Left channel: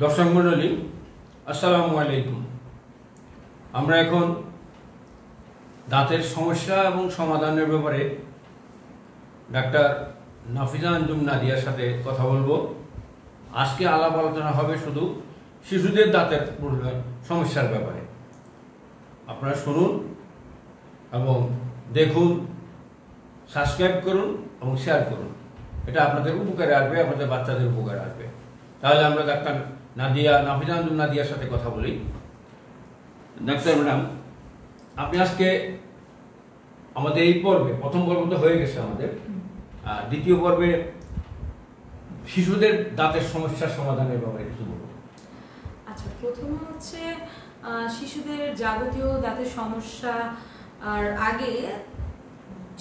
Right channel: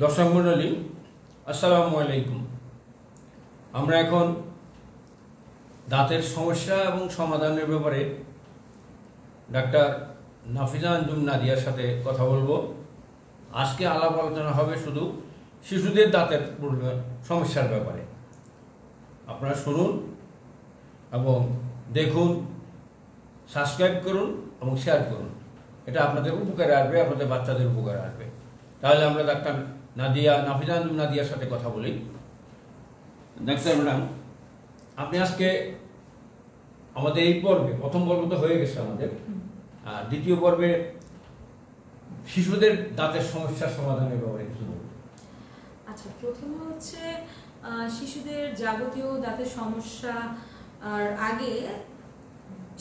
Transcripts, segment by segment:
দর্শক মণ্ডলী, আসসালামু আলাইকুম। আমরা এখন দাঁতের সমস্যা এবং সমাধানের ব্যাপারে ডাক্তার নাফিজা আঞ্জুম নাদিয়ার সাথে কথা বলবো। আজকে আলাপ আলোচনা হবে শুধু শিশুদের দাঁতের সমস্যার ব্যাপারে। আপনারা শুনুন এবং দেখুন, সাবস্ক্রাইব করুন এবং শেয়ার করুন। এটা আপনাদের উপকারে আসবে, আপনাদের বাচ্চাদের উপকারে আসবে। তাহলে আমরা ডাক্তার নাফিজা আঞ্জুম নাদিয়ার সাথে কথা বলি। ডাক্তার ম্যাডাম, আপনি আজকে আমাদের এই পর্বে, প্রথম পর্ব তো হয়ে গেছে আমাদের, দ্বিতীয় পর্বে শিশুদের দাঁতের সমস্যার সমাধানের ব্যাপারে কিছু বলুন। আচ্ছা, প্রথমে হচ্ছে শিশুদের যাবতীয় দাঁতের সমস্যা আর আগে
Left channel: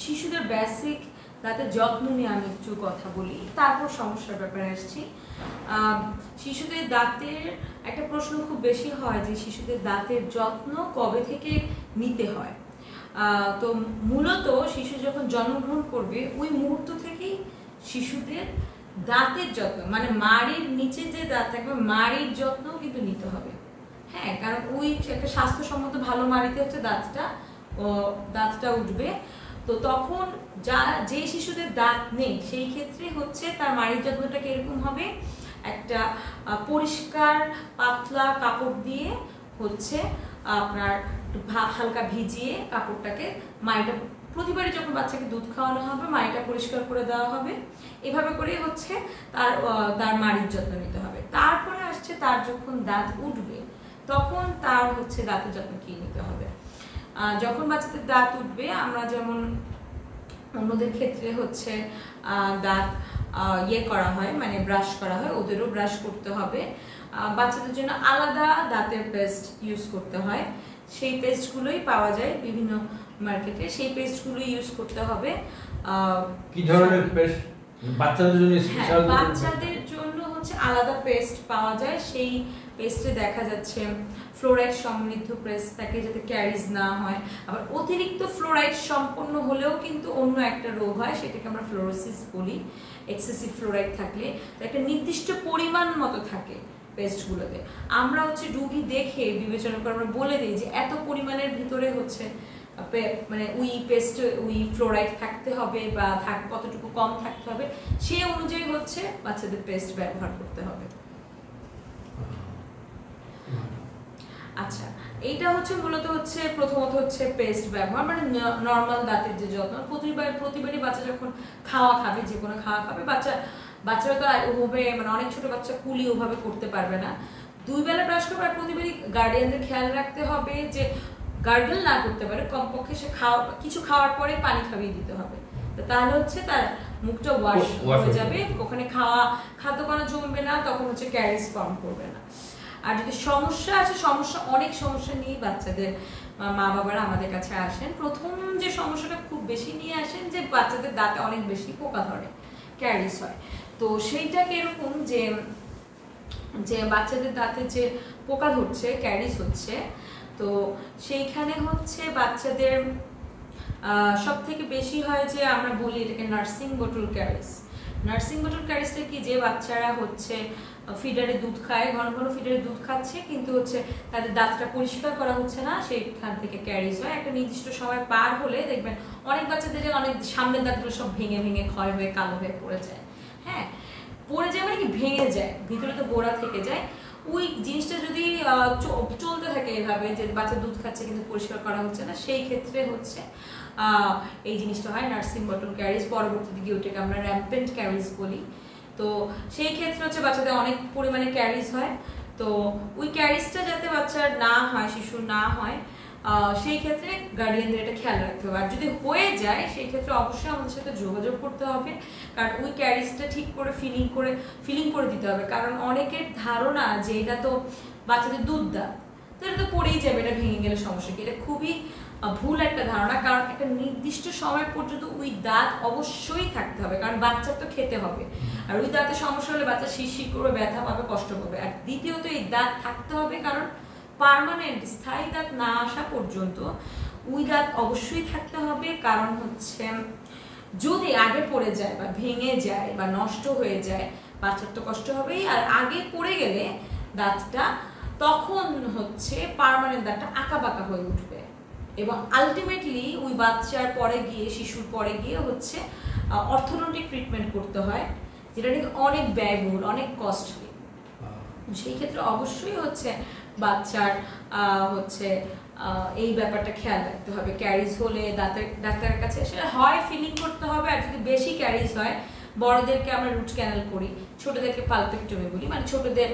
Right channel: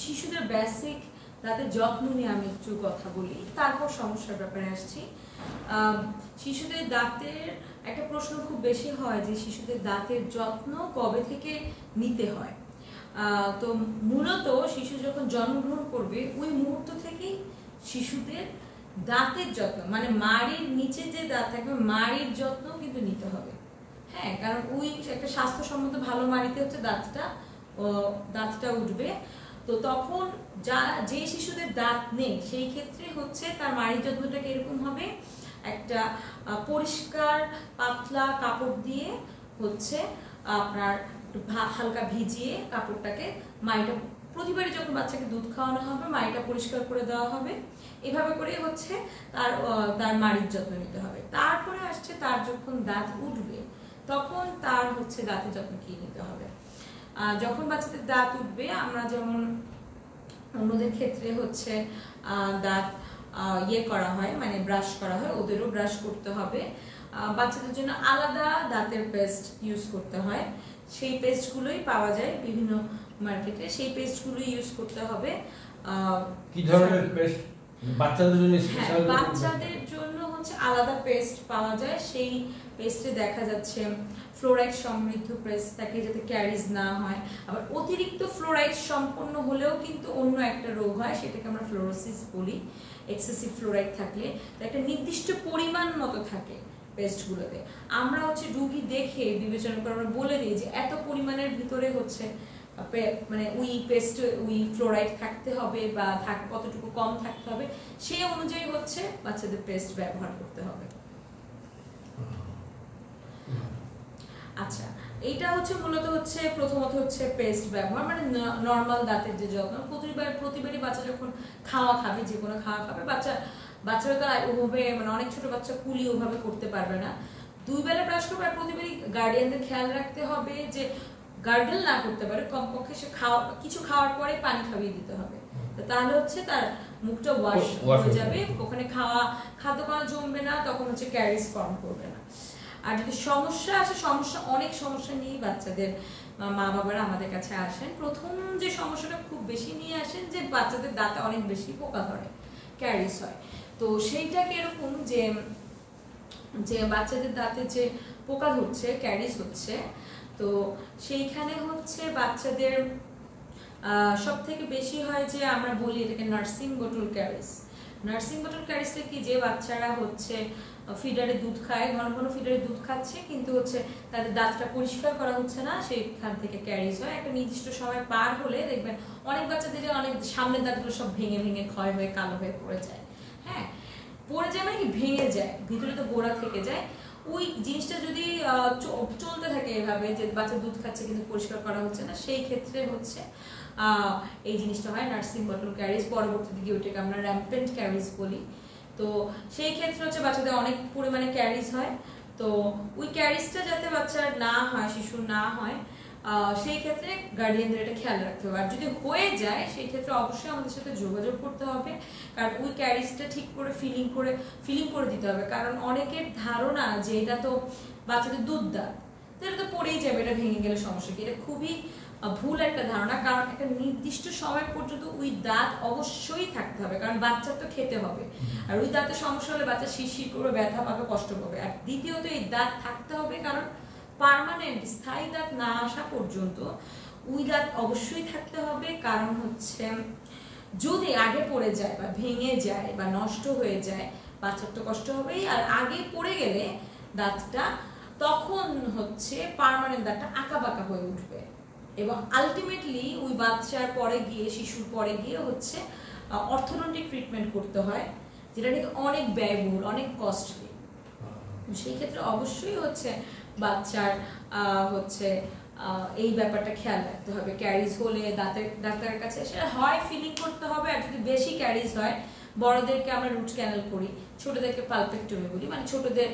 শিশুদের বেসিক দাঁতের যত্ন নিয়ে আমি একটু কথা বলি, তারপর সমস্যার ব্যাপারে আসছি। শিশুদের দাঁতের একটা প্রশ্ন খুব বেশি হয় যে শিশুদের দাঁতের যত্ন কবে থেকে নিতে হয়। তো মূলত শিশু যখন জন্মগ্রহণ করবে ওই মুহূর্ত থেকেই শিশুদের দাঁতের যত্ন, মানে মাড়ির নিচে যে দাঁত থাকবে মাড়ির যত্ন কিন্তু নিতে হবে। হ্যাঁ, কারণ ওই একটা স্বাস্থ্যসম্মত ভালো মাড়িতে হচ্ছে দাঁতটা উঠবে। তো তখন যে শিশুদের দাঁত নেই সেই ক্ষেত্রে হচ্ছে তার মাড়ির যত্নটা কিরকম হবে, একটা পরিষ্কার পাতলা কাপড় দিয়ে হচ্ছে আপনার হালকা ভিজিয়ে কাপড়টাকে মাড়িটা প্রতিবারই যখন বাচ্চাকে দুধ খাওয়ানো হবে মাড়িটা পরিষ্কার করে দেওয়া হবে। এভাবে করে হচ্ছে তার মাড়ির যত্ন নিতে হবে। তারপরে আসছে তার যখন দাঁত উঠবে তখন তার হচ্ছে দাঁতের যত্ন কি নিতে হবে। যখন বাচ্চাদের দাঁত উঠবে, আমরা যেমন অন্যদের ক্ষেত্রে হচ্ছে দাঁত করা হয়, মানে ব্রাশ করা হয়, ওদেরও ব্রাশ করতে হবে। বাচ্চাদের জন্য আলাদা দাঁতের পেস্ট ইউজ করতে হয়। সেই পেস্টগুলোই পাওয়া যায় বিভিন্ন মার্কেটে, সেই পেস্টগুলোই ইউজ করতে হবে। কি ধরনের পেস্ট বাচ্চাদের জন্য? বাচ্চাদের জন্য হচ্ছে আলাদা পেস্ট পাওয়া যায়। সেই পেস্টে দেখা যাচ্ছে ফ্লোরাইড সমৃদ্ধ পেস্ট থাকে যাতে ক্যারিজ না হয়। আবার অতিরিক্ত ফ্লোরাইড সম্পন্ন হলেও কিন্তু অন্য একটা রোগ হয়, সেটাকে আমরা ফ্লোরোসিস বলি। এক্সেসিভ ফ্লোরাইড থাকলে একটা নির্দিষ্ট পরিমাণ মতো থাকে পেস্টগুলোতে। আমরা হচ্ছে রোগী দেখে বিবেচনা করে আমরা বলে দিই যে এত পরিমাণের ভিতরে হচ্ছে মানে ওই ফ্লোরাইড থাকতে হবে বা কতটুকু কম থাকতে হবে, সেই অনুযায়ী হচ্ছে বাচ্চাদের পেস্ট ব্যবহার করতে হবে। আচ্ছা, এইটা হচ্ছে মূলত হচ্ছে প্রথমত হচ্ছে পেস্ট ব্যবহার, মানে নর্মাল দাঁতের যে যত্ন। প্রতিবারই বাচ্চা যখন খাওয়া খাবে, যে কোনো খাওয়া খাবে, বাচ্চারা তো ওভাবে, মানে অনেক ছোট বাচ্চা কুলি ওভাবে করতে পারবে না। 2 বেলা ব্রাশ করবে। আর প্রতিবারই গার্ডিয়ানদের খেয়াল রাখতে হবে যে গার্গল না করতে পারে, কমপক্ষে সে কিছু খাওয়ার পরে পানি খাইয়ে দিতে হবে। তাহলে হচ্ছে তার মুখটা ওয়াশ হয়ে যাবে, ওখানে খাদ্যকণা জমবে না, তখন হচ্ছে ক্যারিজ ফর্ম করবে না। আর যদি সমস্যা আছে, অনেক সমস্যা নিয়ে বাচ্চাদের মা বাবারা আমাদের কাছে আসেন। প্রথম যে সমস্যাটা খুব বেশি নিয়ে আসেন যে বাচ্চাদের দাঁতে অনেক বেশি পোকা ধরে, ক্যারিজ হয়। তো সেইটা কিরকম যে বাচ্চাদের দাঁতে যে পোকা ধরছে, ক্যারিজ হচ্ছে, তো সেইখানে হচ্ছে বাচ্চাদের সব থেকে বেশি হয় যে আমরা বলি এটাকে nursing bottle caries. Nursing bottle ক্যারিজটা কি, যে বাচ্চারা হচ্ছে ফিডারে দুধ খায়, ঘন ঘন ফিডারে দুধ খাচ্ছে, কিন্তু হচ্ছে তাদের দাঁতটা পরিষ্কার করা হচ্ছে না, সেইখান থেকে ক্যারিজ হয়। একটা নির্দিষ্ট সময় পার হলে দেখবেন অনেক বাচ্চাদের অনেক সামনের দাঁতগুলো সব ভেঙে ভেঙে ক্ষয় হয়ে কালো হয়ে পড়ে যায়। হ্যাঁ, পড়ে যায় মানে কি, ভেঙে যায়, ভিতরে তো গোড়া থেকে যায়। ওই জিনিসটা যদি চলতে থাকে এভাবে, যে বাচ্চা দুধ খাচ্ছে কিন্তু পরিষ্কার করা হচ্ছে না, সেই ক্ষেত্রে হচ্ছে এই জিনিসটা হয় নার্সিং বটল ক্যারিজ। পরবর্তী দিকে ওইটাকে আমরা র্যাম্পেন্ট ক্যারিজ বলি। তো সেই ক্ষেত্রে হচ্ছে বাচ্চাদের অনেক পরিমাণে ক্যারিজ হয়। তো ওই ক্যারিজটা যাতে বাচ্চার না হয়, শিশুর না হয়, সেই ক্ষেত্রে গার্ডিয়ানদের এটা খেয়াল রাখতে হবে। আর যদি হয়ে যায় সেই ক্ষেত্রে অবশ্যই আমাদের সাথে যোগাযোগ করতে হবে, কারণ ওই ক্যারিজটা ঠিক করে ফিলিং করে দিতে হবে। কারণ অনেকের ধারণা যে এটা তো বাচ্চাদের দুধ দাঁত, তো এটা তো পড়েই যাবে, এটা ভেঙে গেলে সমস্যা কি, এটা খুবই ভুল একটা ধারণা। কারণ একটা নির্দিষ্ট সময় পর্যন্ত ওই দাঁত অবশ্যই থাকতে হবে, কারণ বাচ্চার তো খেতে হবে। আর ওই দাঁতের সমস্যা হলে বাচ্চা শিরশির করে ব্যথা পাবে, কষ্ট পাবে। আর দ্বিতীয়ত এই দাঁত থাকতে হবে, কারণ পার্মানেন্ট স্থায়ী দাঁত না আসা পর্যন্ত ওই দাঁত অবশ্যই থাকতে হবে। কারণ হচ্ছে যদি আগে পড়ে যায় বা ভেঙে যায় বা নষ্ট হয়ে যায়, বাচ্চার তো কষ্ট হবেই। আর আগে পড়ে গেলে দাঁতটা, তখন হচ্ছে পার্মানেন্ট দাঁতটা আঁকা বাঁকা হয়ে উঠবে এবং আলটিমেটলি ওই বাচ্চার পরে গিয়ে, শিশুর পরে গিয়ে হচ্ছে অর্থোডন্টিক ট্রিটমেন্ট করতে হয়, যেটা নাকি অনেক ব্যয়বহুল, অনেক কস্টলি। সেই ক্ষেত্রে অবশ্যই হচ্ছে বাচ্চার হচ্ছে এই ব্যাপারটা খেয়াল রাখতে হবে। ক্যারিজ হলে ডাক্তারের কাছে এসে হয় ফিলিং করতে হবে, আর যদি বেশি ক্যারিজ হয় বড়দেরকে আমরা রুট ক্যানাল করি, ছোটদেরকে পালপেক্টমি বলি, মানে ছোটদের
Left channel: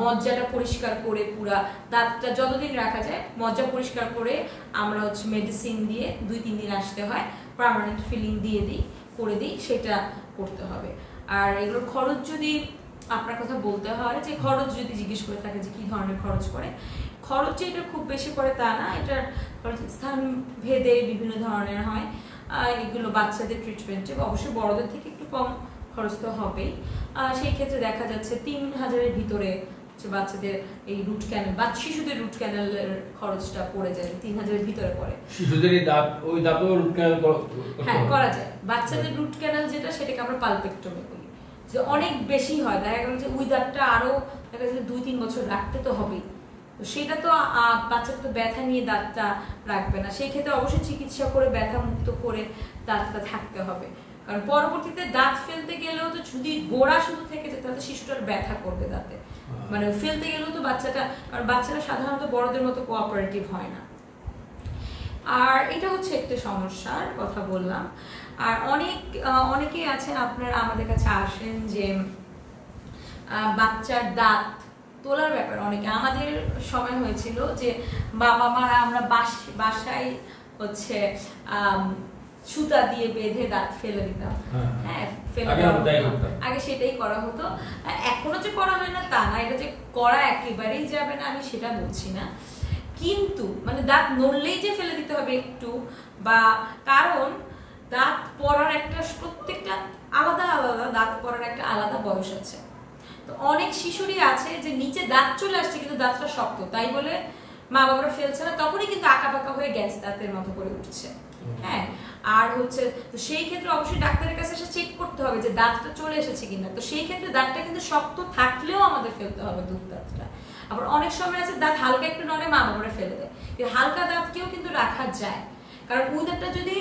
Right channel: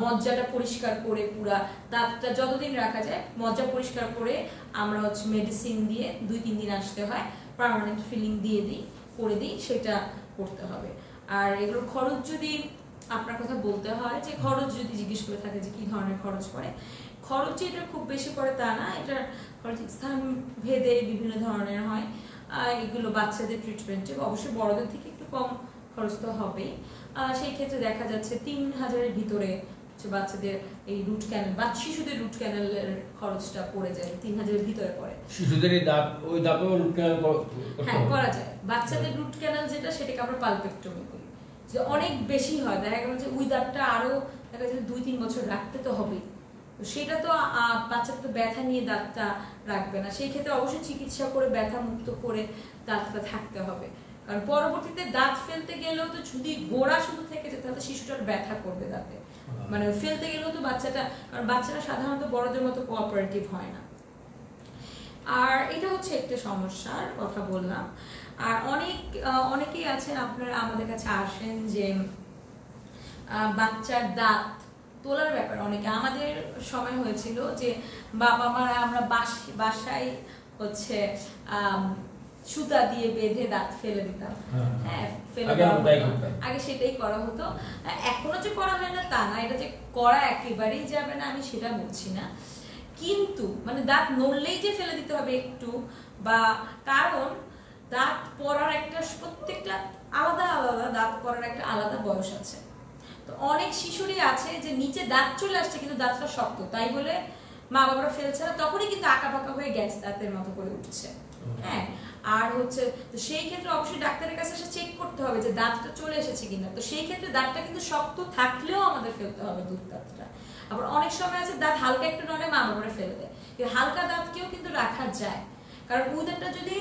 মজ্জাটা পরিষ্কার করে পুরা দাঁতটা যতদিন রাখা যায় মজ্জা পরিষ্কার করে আমরা হচ্ছে মেডিসিন দিয়ে 2-3 দিন আসতে হয়, পার্মানেন্ট ফিলিং দিয়ে করে দিই, সেটা করতে হবে। আর এগুলোর খরচ যদি আপনার কথা বলতে হয়, যে খরচ যদি জিজ্ঞেস করে থাকে যে কি ধরনের খরচ পড়ে, খরচ যে এটা খুব বেশি পড়ে তা না, এটার খরচ স্থান ভেদে বিভিন্ন ধরনের হয়। এগুলো বাচ্চাদের ট্রিটমেন্টে অবশ্যই বড়দের থেকে একটু কম খরচ তো হবেই। সেই ক্ষেত্রে দেখা যাচ্ছে 3000-এর ভিতরে বাচ্চাদের এই রুট ক্যানাল বা শিশুদের রুট ক্যানালের খরচটা পড়ে যায়, 3000-এর ভিতরে পড়ে। শিশুদের ওই দাঁতও রুট ক্যানাল করা যায়। বাচ্চাদের রুট ক্যানাল যেটা, সেটাকে আমরা পালপেক্টমি বলি, যে অনেক বেশি হয়, দেখা গেল যে ওই দাঁতটা আরো দেখা যাচ্ছে 2-3 বছর রাখতে তো হবেই, তো সেটা তো বাচ্চা তো ব্যথা নিয়ে দাঁতটা রাখবে না, সেই ক্ষেত্রে অবশ্যই চিকিৎসা করে ব্যথা মুক্ত করে দাঁতটা থাকতে হবে। কারণ পরবর্তীতে দাঁত ফেলতে গেলেও তো যদি গোড়া শুধু থেকে যেত তাহলে শিশুটার ব্যথা করবে দাঁতে, মানে ফেলতে গেলেও তো বাচ্চাটা, কারণ বাচ্চারা সাধারণত বড়দের মতো কোঅপারেটিভ হয় না। আর এটা হচ্ছে একটা সমস্যার কথা বললাম। আর অনেকেই আছেন আপনারা আমাদের কাছে আসেন যে বাচ্চার দাঁত তোলার ব্যাপারে, অনেকে আমাদের সময় হয়েছিল যে বাবা মারা আমরা বাসায় হচ্ছে সুতা দিয়ে বেঁধে দাঁত ফেলে দিতাম। হ্যাঁ, আগে সেটাই করা হতো, এখনো যে করা হয় না তা না, এটা যে করা একেবারেই যাবে না আমি সেটা বলছি না, কিন্তু মানে দাঁত নড়লেই যে ফেলে দিতে হবে একটু, বা কারণ দাঁত পড়ার একটা, প্রত্যেকটা আলাদা আলাদা দাঁত পড়ার একটা আলাদা বয়স আছে। তো অনেক শিশুরই আছে যে নিচে দাঁত চলে আসছে কিন্তু দাঁতটা শক্ত, তাই বলে মা বাবারা ফেলছে না, তখনই কিন্তু আঁকা পাকা হয়ে গেছে, দাঁতের মতো করে উঠছে। হ্যাঁ, আর হচ্ছে তো সেই ক্ষেত্রে অবশ্যই ডাক্তারের কাছে এসে চেক করতে হবে যে দাঁতটা চলে এসেছে কিনা। তো সেই ক্ষেত্রে দাঁতটা কিন্তু শক্ত থাকলেও আমাদের ফেলতে হবে দুধ দাঁতটা। আবার অনেক সময় আছে দাঁত হালকা একটু নড়ে মা বাবারা ফেলে দেয়, কিন্তু হালকা দাঁতকেও কিন্তু রাখা যায়, কারণ ওই দাঁতটা যদি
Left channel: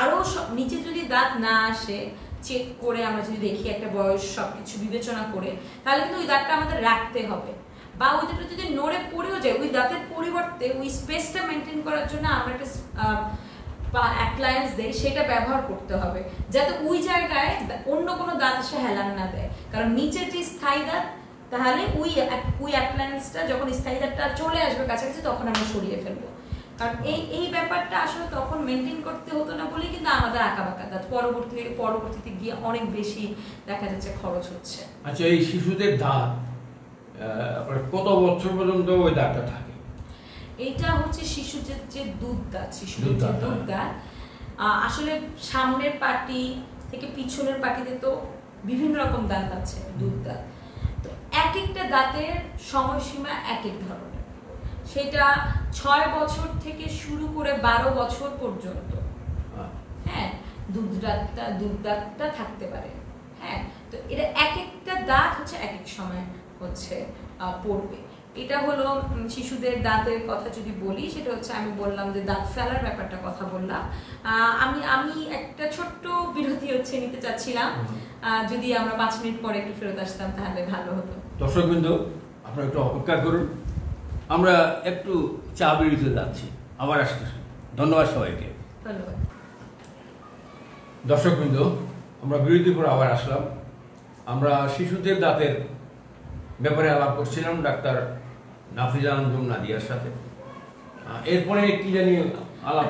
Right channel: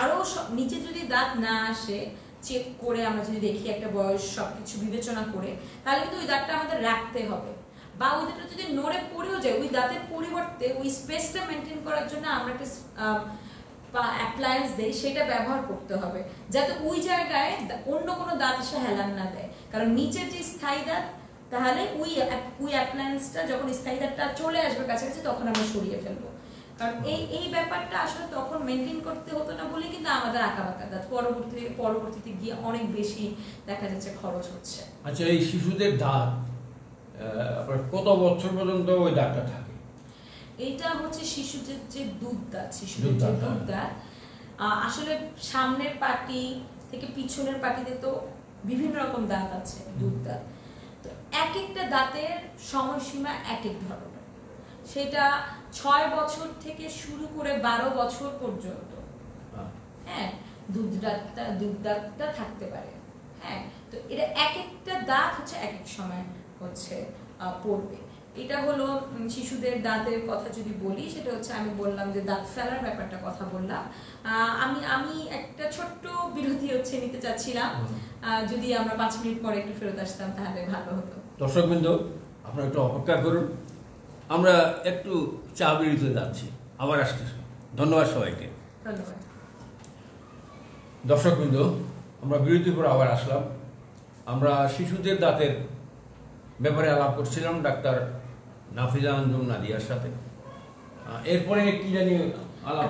আরো নিচে যদি দাঁত না আসে, চেক করে আমরা যদি দেখি একটা বয়স সবকিছু বিবেচনা করে, তাহলে কিন্তু ওই দাঁতটা আমাদের রাখতে হবে। বা ওই দাঁতটা যদি নড়ে পড়েও যায়, ওই দাঁতের পরিবর্তে ওই স্পেসটা মেনটেন করার জন্য আমরা একটা অ্যাপ্লায়েন্স দেই, সেটা ব্যবহার করতে হবে যাতে ওই জায়গায় অন্য কোনো দাঁত এসে হেলান না দেয়। কারণ নিচের যে স্থায়ী দাঁত, তাহলে ওই অ্যাপ্লায়েন্সটা যখন স্থায়ী দাঁতটা চলে আসবে কাছাকাছি তখন আমরা সরিয়ে ফেলবো। কারণ এই ব্যাপারটা আসলে তখন মেনটেন করতে হতো না বলে কিন্তু আমাদের আঁকা বাঁকা দাঁত পরবর্তীতে গিয়ে অনেক বেশি দেখা যাচ্ছে খরচ হচ্ছে। আচ্ছা, এই শিশুদের দাঁত কত বছর পর্যন্ত ওই দাঁতটা থাকে? এটা হচ্ছে শিশুদের যে দুধ দাঁত, শিশুদের যে দুধ দাঁত, আসলে সামনের পাটি থেকে পিছনের পাটিতে তো বিভিন্ন রকম দাঁত আছে, দুধ দাঁত। তো এক একটা দাঁতের সময়সীমা এক এক ধরনের, সেটা 6 বছর থেকে শুরু করে 12 বছর পর্যন্ত হ্যাঁ দুধ দাঁতটা থাকতে পারে। হ্যাঁ, তো এটা এক একটা দাঁত হচ্ছে এক এক সময় হচ্ছে পড়বে। এটা হলো শিশুদের দাঁতের কথা যদি বলি, সেটা হচ্ছে আমি বললাম যে দাঁত ফেলার ব্যাপারটা কথা বললাম। আমি একটা ছোট্ট বিরতি হচ্ছে নিতে চাচ্ছিলাম, যদি আমরা 5 মিনিট পরে একটু ফেরত আসতাম তাহলে ভালো হতো। দর্শকবৃন্দ, আপনারা একটু অপেক্ষা করুন, আমরা একটু চা বিরতিতে যাচ্ছি, আবার আসতেছি। ধন্যবাদ সবাইকে। ধন্যবাদ। দর্শকবৃন্দ, আমরা বিরতির পর আবার আসলাম। আমরা শিশুদের দাঁতের ব্যাপারে আলাপ করছিলাম ডাক্তার নাফিজা আঞ্জুম নাদিয়ার সাথে। এরপরে কি জানি আলাপ,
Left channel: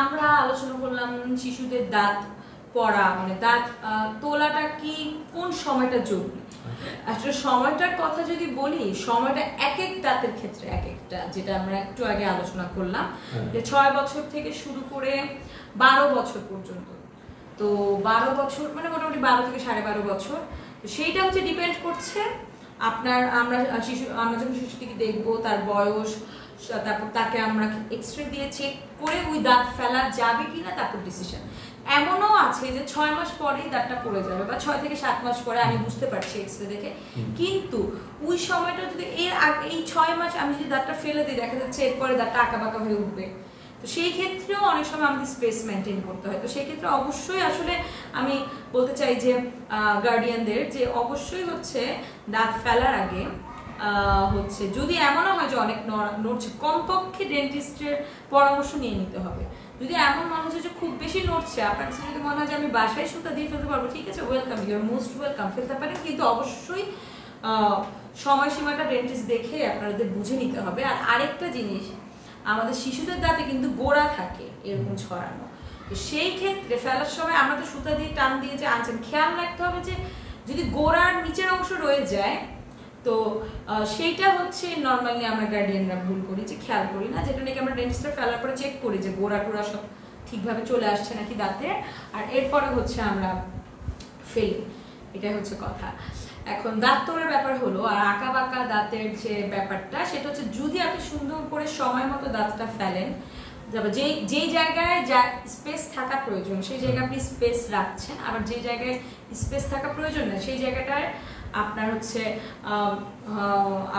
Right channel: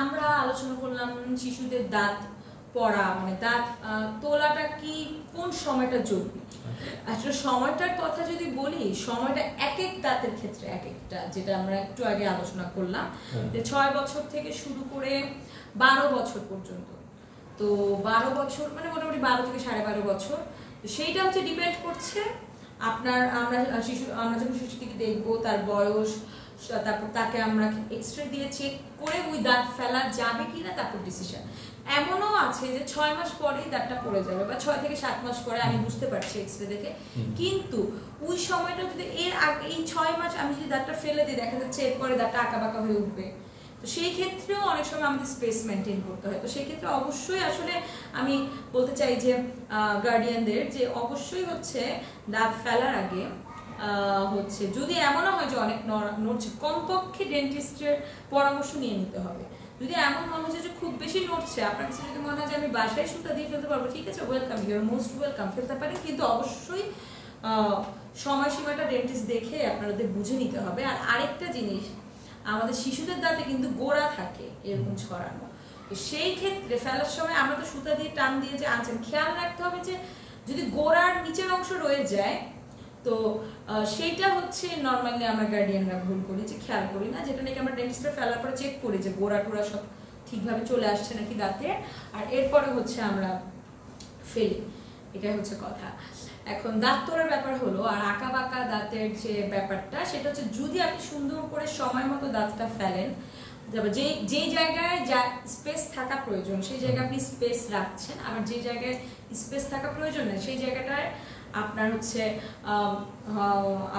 আমরা আলোচনা করলাম শিশুদের দাঁত পড়া, মানে দাঁত তোলাটা কি কোন সময়টা জরুরি। আসলে সময়টার কথা যদি বলি, সময়টা এক এক দাঁতের ক্ষেত্রে এক একটা, যেটা আমরা একটু আগে আলোচনা করলাম যে 6 বছর থেকে শুরু করে 12 বছর পর্যন্ত। তো 12 বছর মানে মোটামুটি 12 থেকে 12.5 বছর, তো সেইটা হচ্ছে ডিপেন্ড করছে আমরা যখন শিশুটিকে দেখবো তার বয়স, তারপর তাকে আমরা এক্সরে দিয়ে চেক করে ওই দাঁত ফেলা যাবে কিনা, তারপর ডিসিশন। এমনও আছে যে 6 মাস পরেই দাঁতটা পড়ে যাবে বা 6 থেকে 7 মাস পরে, আমি বুঝতে পারছি এক্সরে দেখে, কিন্তু ওই সময়টা যদি এই 6 মাস আমি যদি দাঁতটা ফেলে দিই, দেখা যাচ্ছে এরপরে দাঁতটা আঁকাবাঁকা হয়ে উঠবে। তো সেই ক্ষেত্রেও অনেক সময় আমাদের স্পেস মেনটেন করতে হয়। তো সেই ক্ষেত্রে অবশ্যই আসলে আমি বলতে চাই যে গার্ডিয়ানদের যে অবশ্যই হচ্ছে দাঁত ফেলার আগে হচ্ছে যদি এমনও হয় যে অনেক নড়ছে, কমপক্ষে ডেন্টিস্টের পরামর্শ নিয়ে নিতে হবে। যদি এমন মনে হচ্ছে যে খুব বেশি নড়ছে, আপনার কাছে যদি মনে হয় যে আমি বাসায় সুতা দিয়ে ফেলতে পারবো, ঠিক আছে, welcome, you are most welcome, ফেলতে পারেন, কিন্তু অবশ্যই সময়সীমাটা ডেন্টিস্ট দেখে আপনাদের বুঝে নিতে হবে। আর আরেকটা জিনিস, আমাদের শিশুদের দাঁতে কিন্তু গোড়া থাকে এরকম ছড়ানো, তো সেই ক্ষেত্রে ফেলার সময় আমরা তো সুতা দিয়ে টান দিয়ে যে আনছেন, খেয়াল রাখতে হবে যে যদি গোড়ার নিচের অংশ রয়ে যায়, তো সেইটা হচ্ছে নর্মালি আমরা গার্ডিয়ানরা ভুল করি, যে খেয়াল করি না, যেটা নাকি আমরা ডেন্টিস্টে ফেলার পরে চেক করি যে গোড়া টোড়া সব ঠিকভাবে চলে আসছে নাকি দাঁতে, আর এরপরে হচ্ছে আমরা ফেলি, এটাই হচ্ছে কথা। এখন দাঁত তোড়ার ব্যাপার হলো, আর আঁকা বাঁকা দাঁতের যে ব্যাপারটা, সেটা হচ্ছে যদি আপনি সুন্দর করে সময় মতো দাঁতটা ফেলেন, যেই জায়গায় যা স্পেস থাকা প্রয়োজন সেই জায়গায় আপনি স্পেস রাখছেন, আবার যে জায়গায় স্পেস থাকা প্রয়োজন না সেই জায়গাটায় আপনার হচ্ছে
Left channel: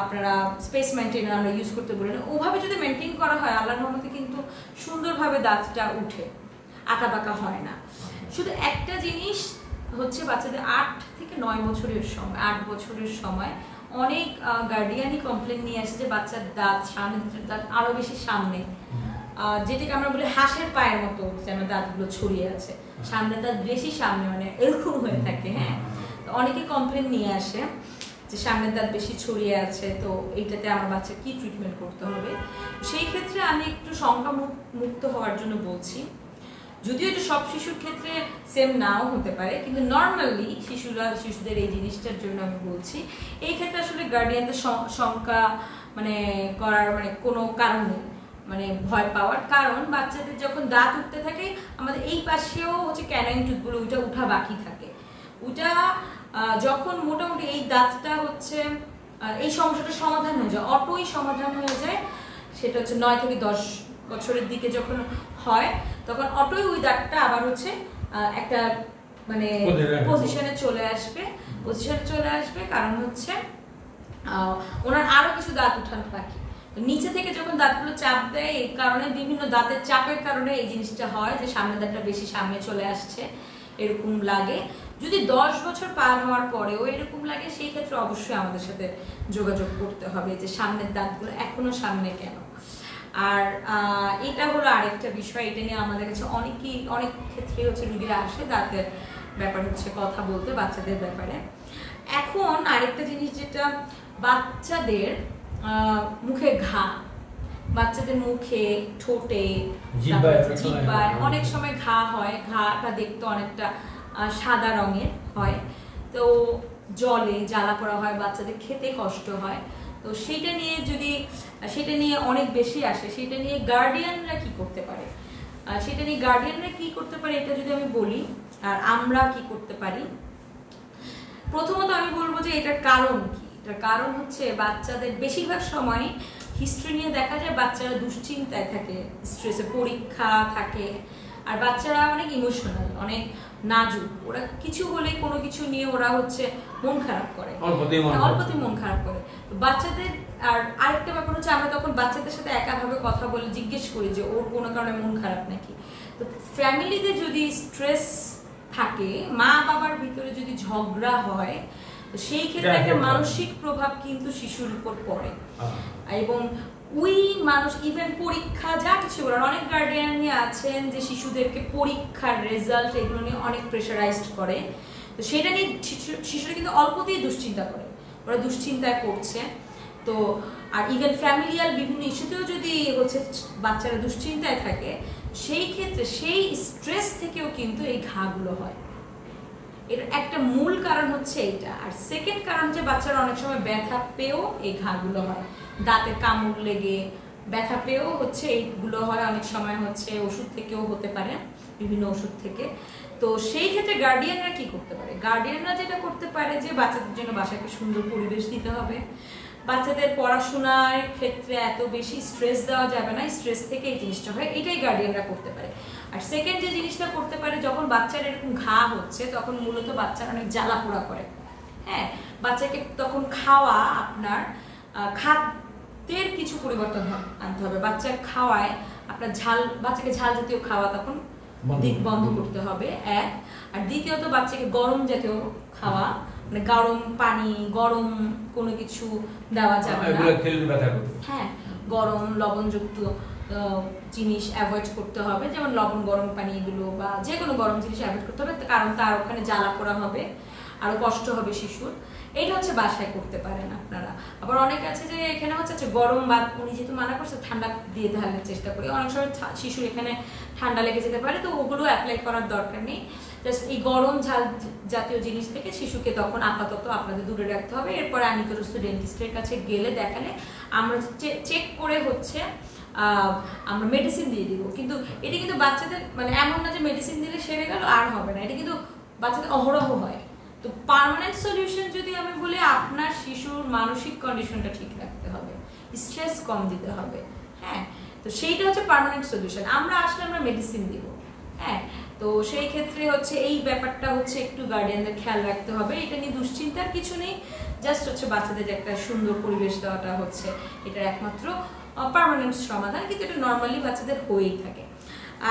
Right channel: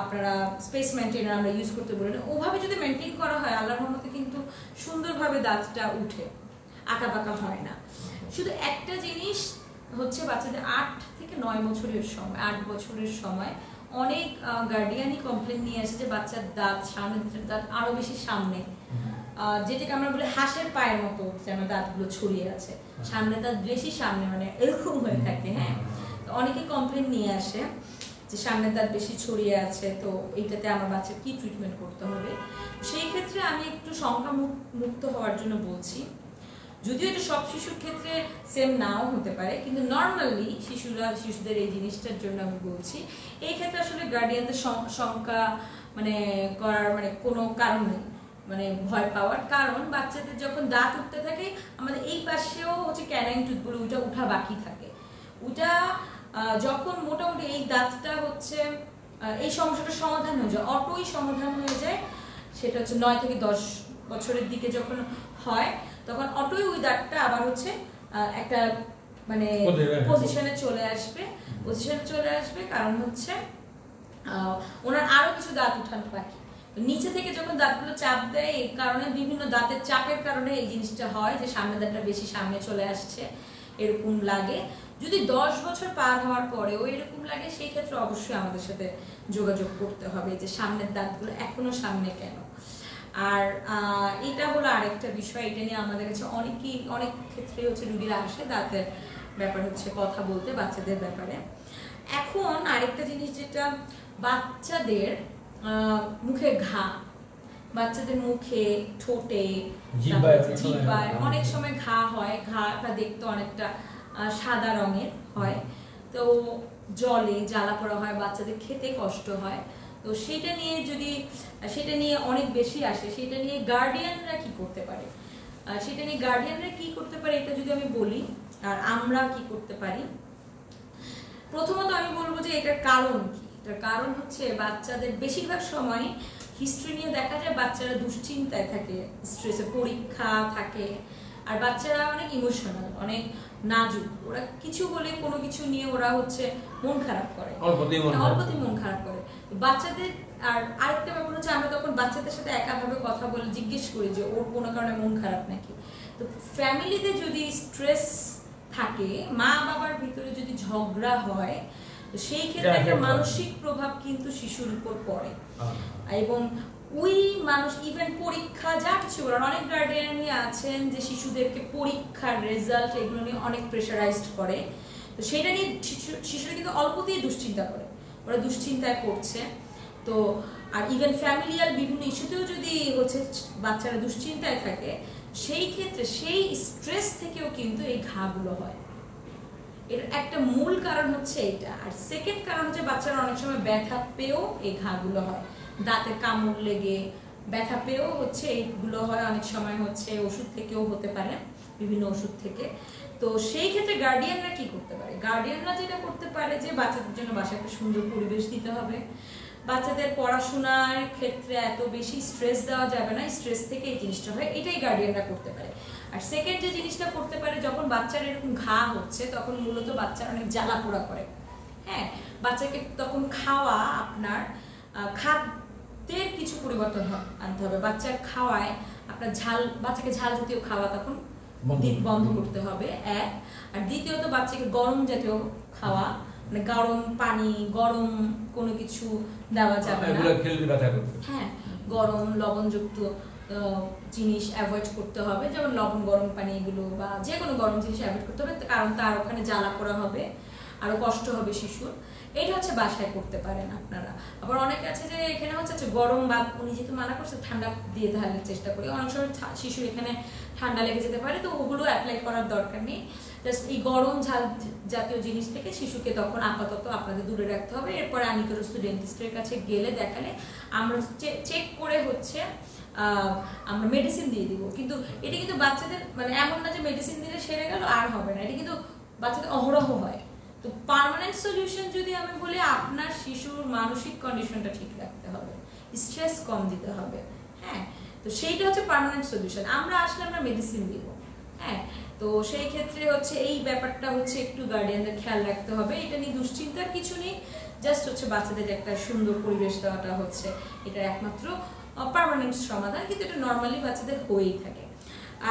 আপনারা স্পেস মেনটেনার আমরা ইউজ করতে বলেন, ওভাবে যদি মেনটেন করা হয় আল্লাহর রহমতে কিন্তু সুন্দরভাবে দাঁতটা উঠে, আঁকা বাঁকা হয় না। শুধু একটা জিনিস হচ্ছে, বাচ্চাদের 8 থেকে 9 বছরের সময়, 8 বছরের সময় অনেক গার্ডিয়ানই কমপ্লেন নিয়ে আসে যে বাচ্চার দাঁত, সামনের দাঁত আরো বেশি সামনে, যেটাকে আমরা বলি হাঁসের পায়ের মতো যেন দাঁতগুলো ছড়িয়ে আছে, সামনের দাঁত বেশি সামনে, মানে এরকম হয়ে থাকে। হ্যাঁ, অনেকে কমপ্লেন নিয়ে আসে যে সামনের দাঁত বেশি ছড়িয়ে আছে, তো এইটাতে আমার বাচ্চা কি ট্রিটমেন্ট করতে হবে। সেই ক্ষেত্রে আমি একটু শঙ্কা মুক্ত হওয়ার জন্য বলছি, যদিও এটা সব শিশুর ক্ষেত্রে সেম নাও হতে পারে, কিন্তু নর্মালি শিশুদের এই জিনিসটার জন্য আমি বলছি, এই ক্ষেত্রে আসলে গার্ডিয়ানদের শঙ্কা মানে করার মানে কোনো কারণ নেই, মানে ভয় পাওয়ার। কারণ বাচ্চাদের যখন দাঁত উঠতে থাকে, আমাদের এই পাশেও হচ্ছে ক্যানাইন টুথগুলো ওইটা উঠা বাকি থাকে, ওইটা যখন মোটামুটি এই দাঁতটা হচ্ছে এই সমস্যাটার সমাধান হয়ে যায়, অটোই সমাধান হয়ে যায়, সেটা হচ্ছে 9 থেকে 10 বছরের দিকে যখন হয়, তখন অটোই ওই দাঁতটা আবার হচ্ছে একটা মানে পজিশনে চলে আসবে, কারণ হচ্ছে ওনার আরো কিছু দাঁত উঠানো বাকি। নিচে থেকে যখন দাঁতগুলো চাপ দেয়, এই কারণে বিভিন্ন দাঁতের চাপের কারণে এই জিনিসটা হয় যে সামনের দাঁতটা বেশি সামনে চলে আসছে, এরকম লাগে। যদি 10 বছর পার হওয়ার পরেও এরকম লাগে, সেই ক্ষেত্রে অবশ্যই আমাদের সাথে যোগাযোগ করতে হবে যে সামনের দাঁতগুলো এখনো সামনে কেন। আর এটা হলো আরেকটা বিষয়, এটা নিয়ে আমাদের কাছে অনেক ক্ষেত্রে হচ্ছে রোগীরা আসে দাঁতের ব্যাপার হচ্ছে কথা বলতে, বাচ্চাদের ব্যাপারে। এখন আরেকটা জিনিস, যেটা বাচ্চাদের মুখে ঘা, বাচ্চাদের মুখে, ঠোঁটে, জিহ্বায় অনেক সময় ঘা হয়, ঘাটা দেখতে অনেকটা সাদা রঙের হয়, তো জলে জ্বালা পড়া হয়, বাচ্চাদের খেতে কষ্ট হয়। তো সেটা নিয়ে অনেক বেশি আসে, সেটা নিয়ে গার্ডিয়ানরা কি করতে পারে, এটা যদি আমি বলি, আর আমরা কি করতে পারি। প্রথমত আমি বলবো যে এটার কারণ কি। এটার কারণ হচ্ছে বাচ্চাদের বেশিরভাগ সময় হিস্ট্রি নিয়ে দেখা যায় বাচ্চারা দুশ্চিন্তায় থাকে, স্ট্রেসে, পরীক্ষা থাকে, আর বাচ্চারা অনেক ইমোশনাল, অনেক নাজুক, ওরা কিছু হলে কোনো কিছু নিয়ে ওরা হচ্ছে মন খারাপ করে, অল্পতেই মন খারাপ করে। বাচ্চাদের আর আরেকটা ব্যাপার হচ্ছে, আমরা তখন বাচ্চাদের সাথে একাভাবে কথা বলে জিজ্ঞেস করি যে ওর কোনো কারণে মন খারাপ নাকি। তো ফ্যামিলিতে যদি স্ট্রেস থাকে, মা বাবার ভিতরে যদি ঝগড়া হয়, তো সেই ক্ষেত্রে একটা মানসিক প্রভাব কিন্তু শিশুর উপর পড়ে, এবং ওই মানুষ ইভেন পরীক্ষা যা কিছু বলার, অনেক গার্ডিয়ানই আছেন যে শিশুদেরকে পরীক্ষার রেজাল্ট এগুলো নিয়ে অনেক প্রেশারাইজড করে, তো সেটা নিয়ে শিশুরা কিন্তু অল্পতেই দুশ্চিন্তা করে, ওরা দুশ্চিন্তায় পড়ছে। তো আর ইভেন ফ্যামিলিয়াল বিভিন্ন ইস্যুতেও যদি হচ্ছে বাচ্চারা দুশ্চিন্তায় থাকে, সেই ক্ষেত্রে সেই স্ট্রেস থেকেও কিন্তু এই ঘাগুলো হয়। এর একটা মূল কারণ হচ্ছে এইটা। আর সেকেন্ড কারণ হচ্ছে বাচ্চারা অনেক সময় ব্যথা পেয়েও এই ঘাগুলো হয়, দাঁতে কামড় লেগে ব্যথা পেয়েও হচ্ছে এইগুলো হয়, অনেক সময় হচ্ছে ওষুধ থেকেও হতে পারে, বিভিন্ন ওষুধ থেকে। তো সেই ক্ষেত্রে গার্ডিয়ানরা কি করতে পারে, গার্ডিয়ানরা যেটা করতে পারে যে বাচ্চাদের জন্য বাসায় একটা সুন্দর পরিবেশ দিতে হবে, বাচ্চাদের পড়াশোনার ক্ষেত্রে এত বেশি স্ট্রেস দেওয়া যাবে না, স্ট্রেস থেকে এই জিনিসটা হয়, এটাই গার্ডিয়ানরা করতে পারে। আর সেকেন্ড যে জিনিসটা করতে পারে, যখন বাচ্চার এরকম ঘা হচ্ছে তখন মূলত বাচ্চার অনেক জ্বালা পোড়া করে। হ্যাঁ, বাচ্চাকে তখন খাওয়া, আপনার খাদ্যের কিছু পরিবর্তন আনতে হবে। বাচ্চা খাওয়ায় আপনার বাচ্চাকে ঝাল জাতীয় খাওয়া তখন বন্ধ করতে হবে এক। আর দ্বিতীয়ত বাচ্চাকে গরম জাতীয় খাওয়া, মানে গরম পানি, গরম কোনো কিছু দেওয়া যাবে না। হ্যাঁ, গরম লবণযুক্ত জিনিস অ্যাভয়েড করতে হবে, যেমন লবণ গরম পানি এগুলো বা যে কোনো গরম জিনিস অ্যাভয়েড করতে হবে, কারণ তার ওখানে জ্বালা পোড়া হবে, আরো কষ্ট হবে শিশুর। এটা হচ্ছে বাসায় করতে পারেন আপনারা। আবার অনেক আছে যে এখানে হচ্ছে গরম বা উনি যেহেতু মানা করছে ঠান্ডা দিয়ে দেওয়ার চেষ্টা করি, অনেক সময় শিশুর এখানে ঠান্ডা লেগে যেতে পারে, তো ওগুলো অ্যাপ্লাই করার দরকার নেই। জাস্ট এই গরম ঝাল জাতীয় জিনিস থেকে শিশুকে তখন আপাতত আপনাদের দূরে রাখতে হবে। এরপরে নিকটস্থ ডেন্টিস্টের কাছে গেলে দেখালে আমরা চেক করে হচ্ছে আমরা মেডিসিন দিয়ে দিব। কিন্তু এটা কিন্তু বাচ্চাদের মানে এমন না যে মেডিসিন দিলে সেরে গেল আর হবে না, এটা কিন্তু বাচ্চাদের অহরহ হয়। তো পার্মানেন্ট সলিউশন যদি আমি বলি, আপনার শিশুর মানসিক কন্ডিশনটা ঠিক রাখতে হবে, স্ট্রেস কম দিতে হবে। হ্যাঁ, তো সেইটা হচ্ছে পার্মানেন্ট সলিউশন। আমরা আসলে আমরা মেডিসিন দিব। হ্যাঁ, তো সেই ক্ষেত্রে হচ্ছে এই ব্যাপারটা হচ্ছে একটু গার্ডিয়ানদের খেয়াল রাখতে হবে। এটা নিয়ে দুশ্চিন্তার কিছু নেই, জাস্ট হচ্ছে বাচ্চাদের একটা সুন্দর পরিবেশ দেওয়াটা হচ্ছে এটার একমাত্র পার্মানেন্ট সমাধান, কিন্তু এটা নর্মালি বাচ্চাদের হয়েই থাকে।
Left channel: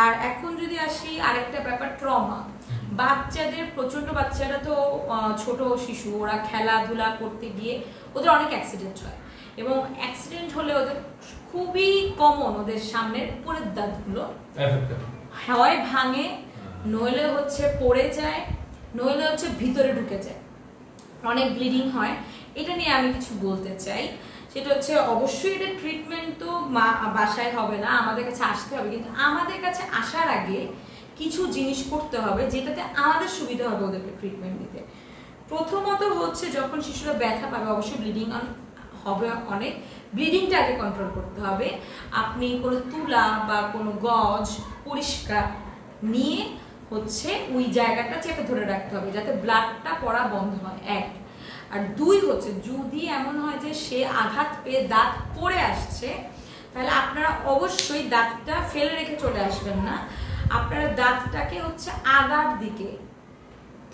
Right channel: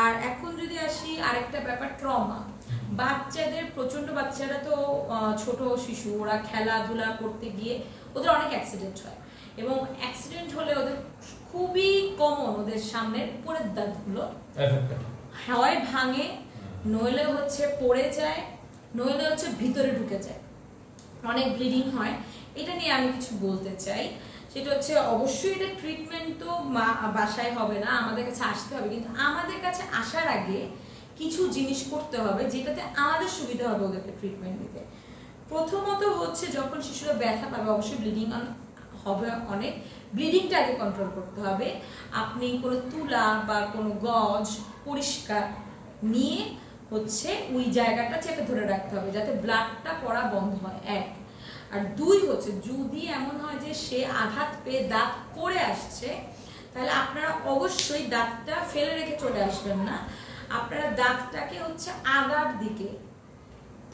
আর এখন যদি আসি আরেকটা ব্যাপার, ট্রমা। বাচ্চাদের প্রচন্ড, বাচ্চারা তো ছোট শিশু, ওরা খেলাধুলা করতে গিয়ে ওদের অনেক অ্যাক্সিডেন্ট হয়, এবং অ্যাক্সিডেন্ট হলে ওদের খুবই কমন ওদের সামনের উপরের দাঁতগুলো হয় ভাঙে, নইলে হচ্ছে পড়ে যায়, নইলে হচ্ছে ভিতরে ঢুকে যায়, অনেক ব্লিডিং হয়। এটা নিয়ে আমি কিছু বলতে চাই, সেটা হচ্ছে অবশ্যই এটা ট্রিটমেন্ট তো বাসায় হবে না, আমাদের কাছে আসতে হবে। কিন্তু আমাদের কাছে আসার আগে কিছু জিনিস করতে হবে যেটাতে আমাদের সুবিধা হবে ওদেরকে ট্রিটমেন্ট দিতে। প্রথমত হচ্ছে যখন শিশুরা ব্যথা পাবে, অবশ্যই ব্লিডিং হবে, অনেক ব্লিডিংটা আগে কন্ট্রোল করতে হবে। আপনি কোনো তুলা বা কোনো গজ পরিষ্কার নিয়ে হচ্ছে ওই জায়গাটা চেপে ধরে রাখতে হবে যাতে ব্লাডটা পড়া বন্ধ হয়, এক। আর দুই হচ্ছে যদি এমন হয় যে সে আঘাত পেয়ে দাঁত পড়ে আসছে, তাহলে আপনারা অবশ্যই দাঁতটা ফেলে রেখে চলে আসবেন না। আপনারা দাঁতটাকে হচ্ছে আগার দিকে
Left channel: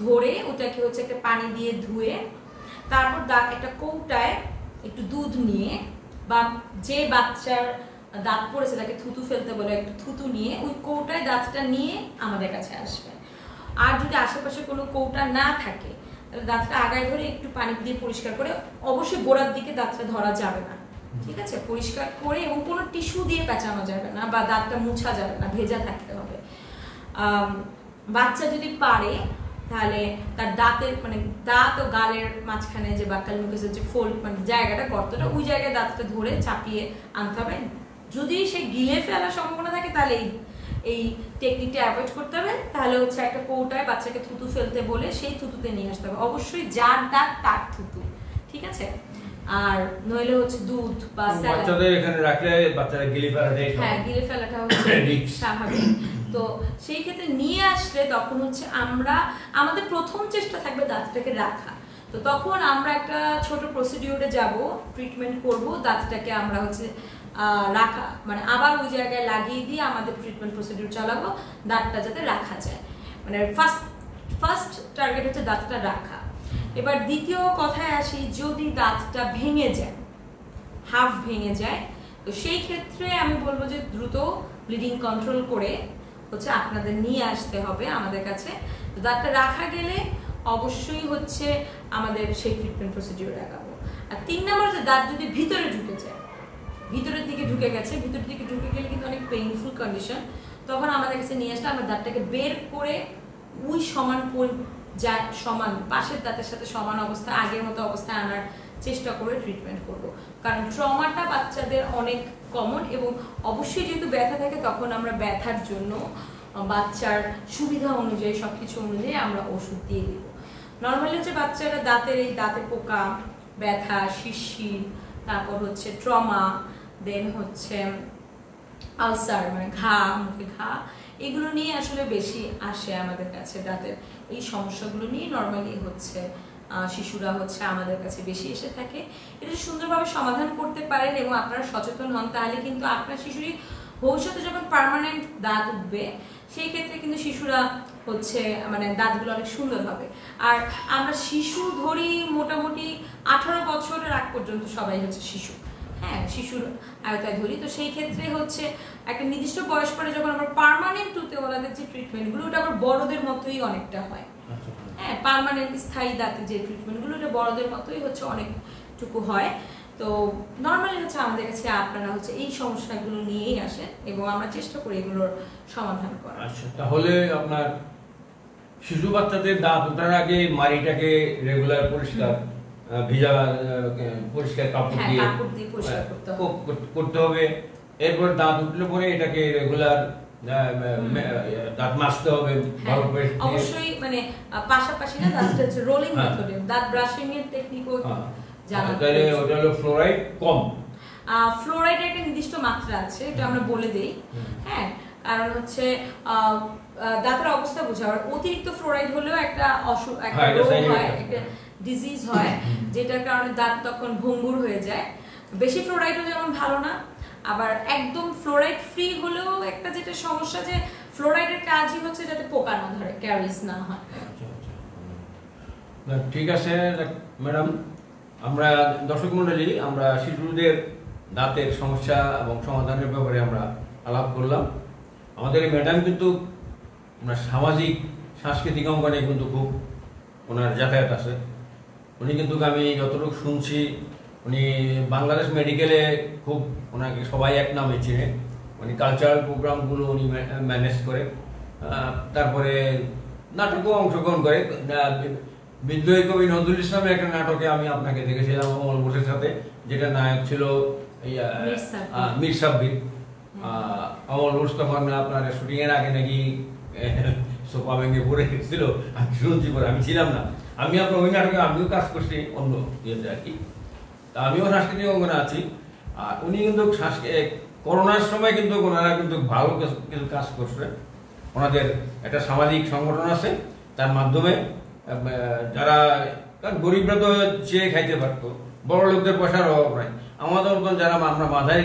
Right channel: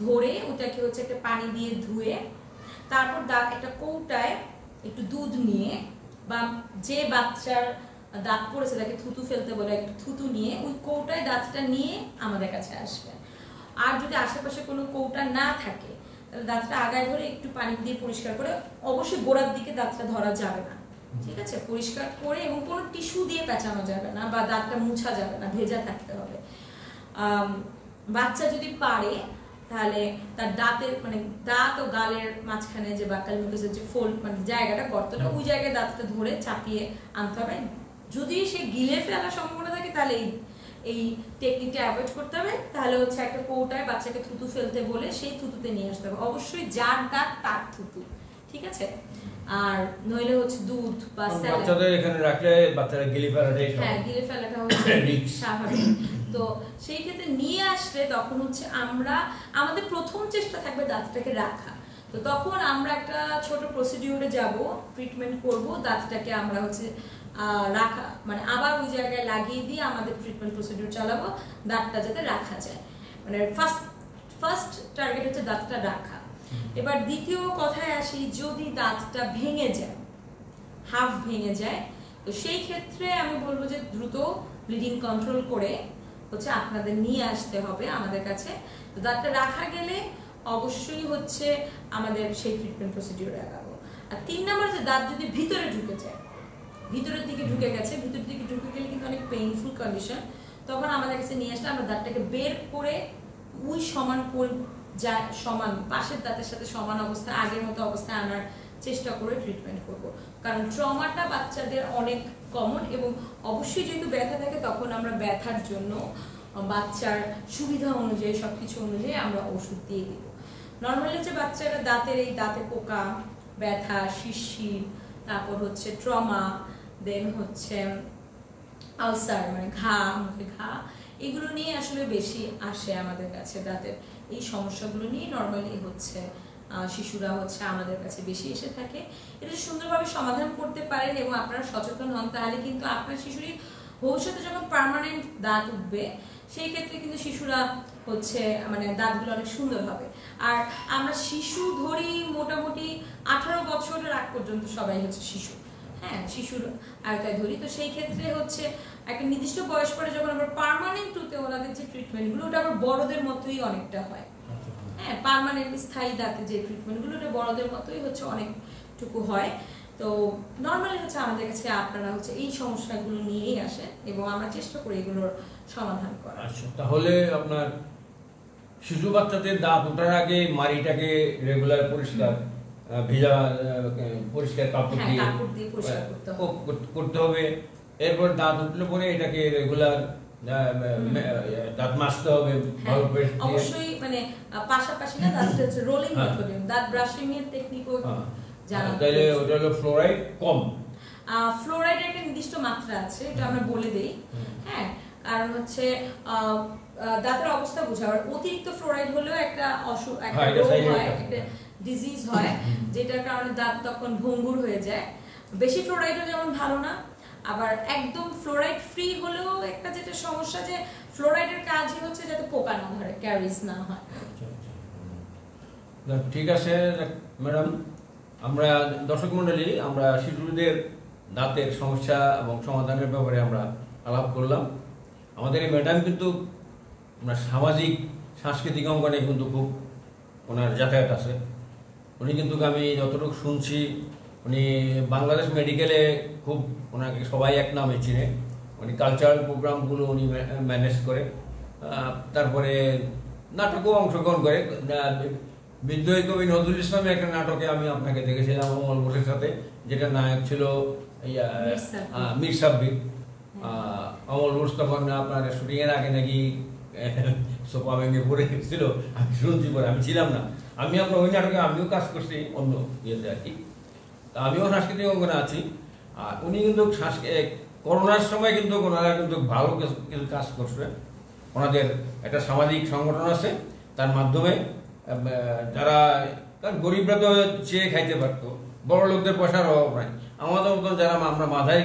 ধরে ওটাকে হচ্ছে একটা পানি দিয়ে ধুয়ে, তারপর দাঁত একটা কৌটায় একটু দুধ নিয়ে, বা যে বাচ্চার দাঁত পড়েছে তাকে থুতু ফেলতে বলে একটু থুতু নিয়ে ওই কৌটায় দাঁতটা নিয়ে আমাদের কাছে আসবেন। আর যদি আশেপাশে কোনো কৌটা না থাকে তাহলে দাঁতটা আগায় ধরে একটু পানি দিয়ে পরিষ্কার করে, অবশ্যই গোড়ার দিকে দাঁতটা ধরা যাবে না, ঠিক আছে, পরিষ্কার করে, এবং কোনো টিস্যু দিয়ে পেঁচানো যাবে না বা দাঁতটা মুছা যাবে না, ভেজা থাকতে হবে। বাচ্চা যদি পারে তাহলে তার দাঁতের মানে দাঁত ও গালের মাঝখানে যে বাক্কাল মুখের যে ফোল্ড মানে জায়গাটা, গর্তটা, ওই জায়গায় দাঁতটা ধরে চাপিয়ে আনতে হবে। যদি সে গিলে ফেলার সম্ভাবনা থাকে তাহলে এই টেকনিকটা অ্যাভয়েড করতে হবে। তাহলে হচ্ছে একটা কৌটায় বাচ্চাকে থুতু ফেলতে বলে সেই থুতুতে নিয়ে আসতে হবে, অবশ্যই যার দাঁত তার থুতু, ঠিক আছে। আর নইলে হচ্ছে দুধ বা বাচ্চাদের এখানে রাখলে বাচ্চারা গিলে ফেলাটাই, হ্যাঁ গিলে ফেলাটা হচ্ছে স্বাভাবিক। তো সেই ক্ষেত্রে নিয়ে আসলে তখন হচ্ছে আমাদের প্রথম চেষ্টা থাকবে দাঁতটাকে রাখা। তো তখন আমরা একটা ছোট প্রসিডিউরে যাব, ট্রিটমেন্ট করব, দাঁতটাকে আমরা হচ্ছে রাখা মানে আবার ওই জায়গায় লাগিয়ে দিয়ে আমাদের ট্রিটমেন্ট প্রসিডিউর চালাবো, দাঁতটা যাতে রাখা যায়। মানে ফার্স্ট টার্গেট হচ্ছে দাঁতটা রাখা। এবার দ্বিতীয় কথায় আসি, যদি দাঁতটা ভেঙে যায়, হাফ ভেঙে যায়, তো সেই ক্ষেত্রে আমি বলবো যে দ্রুত ব্লিডিং কন্ট্রোল করে হচ্ছে আপনাদের নিয়ে আসতে হবে আমাদের কাছে। তো দাঁতটা রাখা গেলে অবশ্যই হচ্ছে আমাদের সেই ট্রিটমেন্ট প্রসিডিউর লাগাবো। আর 3 নম্বর যে দাঁত যদি ভিতরে ঢুকে যায়, ভিতরের দিকে ঢুকে গেছে, ভিতরের দিকে ঢুকে গেলে কিন্তু অনেক পেইনফুল কন্ডিশন, তখন আমাদের কাছে নিয়ে আসলে আমরা দাঁতটাকে বের করে ওই সমান পাশের দাঁতের সাথে সমান অবস্থা, আগের মতো অবস্থায় আনার চেষ্টা করে ট্রিটমেন্ট করব। কারণ ট্রমাটা বাচ্চাদের অনেক কমন, এবং অবশ্যই যেহেতু ব্যথা থাকে তখন আমরা ব্যথার জন্য বাচ্চার সুবিধা অনুযায়ী সবকিছু অনুযায়ী আমরা ওষুধ দিয়ে দিব। নর্মালি হচ্ছে বাচ্চারা দাঁতে পোকা, ব্যথা, শিরশির, তারপর হচ্ছে ট্রমা, দেন হচ্ছে আলসার মানে ঘা, মুখে ঘা, এগুলো নিয়ে আসলে বেশি আসে আমাদের কাছে। দাঁতের এই সমস্যাগুলো নিয়ে নর্মালি হচ্ছে শিশুরা হচ্ছে আমাদের কাছে বেশি এসে থাকে। এটা সুন্দরভাবে সমাধান করতে পারেন এবং আপনারা সচেতন হন, তাহলে কিন্তু আপনার শিশুরই ভবিষ্যতে যখন পার্মানেন্ট দাঁত উঠবে সেই ক্ষেত্রে কিন্তু শিশুরা হচ্ছে মানে দাঁতগুলো অনেক সুন্দর হবে। আর আমরা শিশু ধরি মোটামুটি 18 বছরের আগ পর্যন্ত সবাই হচ্ছে শিশু, হ্যাঁ শিশুর আয়তায় ধরি। তো সেই ক্ষেত্রে হচ্ছে একটা নির্দিষ্ট বয়স পরে যখন আমরা পার্মানেন্ট টুথে ওনাদের যে ট্রিটমেন্টগুলো ওটা আবার বড়দের মতোই অনেকটা হয়, হ্যাঁ পার্মানেন্ট স্থায়ী দাঁতের যে ট্রিটমেন্টগুলো ওটা বড়দের মতোই হচ্ছে অনেকটুকু হয়। তো নর্মালি হচ্ছে আমাদের কাছে আপনারা হচ্ছে এই সমস্যাগুলো নিয়েই আসেন এবং আমরা চেষ্টা করি এগুলোর সমাধান করার। আচ্ছা, তাহলে আপনার শিশু বাচ্চাদের দাঁত ওঠার আগে মাড়িটাকে রেগুলার পরিষ্কার ভিজা পরিষ্কার কাপড় দিয়ে করতে হবে। এরপর দাঁত উঠলে পরে এটাকে রেগুলার দাঁত মাজতে হবে ভালো করে। অবশ্যই মানে পাশাপাশি না দাঁতটা রোলিং মেথডে দাঁত ব্রাশিং এর টেকনিকও জানা। তাহলে ওটা হলো ফ্লোরাইড কম। ফ্লোরাইডের একটা নির্দিষ্ট মাত্রা আছে, এটা আমরা বলে দেই, হ্যাঁ কারণ হচ্ছে দাঁতের অবস্থা বোঝাবার অতিরিক্ত ফ্লোরাইড হলেও একটা অসুখ, একটা রোগ হয়, একটা ডিজিজ হয় যেটার কারণে দাঁত তখন ভঙ্গুর হয়ে যায়। বেশি ফ্লোরাইডও যেমন ভালো না, আবার একদম ফ্লোরাইড ফ্রি হলেও একটা যেটা সমস্যা যে ফ্লোরাইডের কাজই হচ্ছে যাতে পোকা না ধরে, ক্যারিজ না হয়। ঠিক আছে ম্যাডাম, আমরা দর্শক মণ্ডলী আমরা শিশুদের দাঁতের সমস্যা এবং সমাধানের ব্যাপারে আমরা আলাপ করলাম। আমাদের এই ম্যাডাম কিন্তু সামাজিক সাংস্কৃতিক অঙ্গনে কিন্তু খুব ওনার যাতায়াত আছে। উনি কিন্তু আমি যতটুকু শুনছি উনি বাংলাদেশ মেডিকেলে খুব ওনাকে সবাই এক নামে চিনে। উনি কালচারাল প্রোগ্রামগুলো উনি ম্যানেজ করে, তারপরে নাটকেও অংশগ্রহণ করে। বিদ্রোহী কবি নজরুল ইসলামের একটা নাটকে আমি আপনাকে দেখেছিলাম অমল ঘোষের সাথে, যেটা নায়ক ছিল মীর সাব্বির। অমল ঘোষ তখন আপনার শুটিং এর আগে নাকি সোফা ভেঙে পড়ে গেছিল, আমি শুনছি পরে, আমি ছিলাম না। আমি আপনার ওই নাটকে আমিও কাজ করছি অন্য ইয়েতে আর কি, তা আমিও সাংস্কৃতিক অঙ্গনে আছি। আর উনি কিন্তু করোনার সময় কিন্তু ওনারা কিন্তু ভালো কিছু কাজ করছে। ওনাদের একটা সামাজিক সংগঠন আছে, তার মাধ্যমে যারা গরিবরা তো চেয়ে খাইতে পারতো, বড় লোকদের পয়সার অভাব নাই, আমাদের মতন যারা আমরা মাঝারি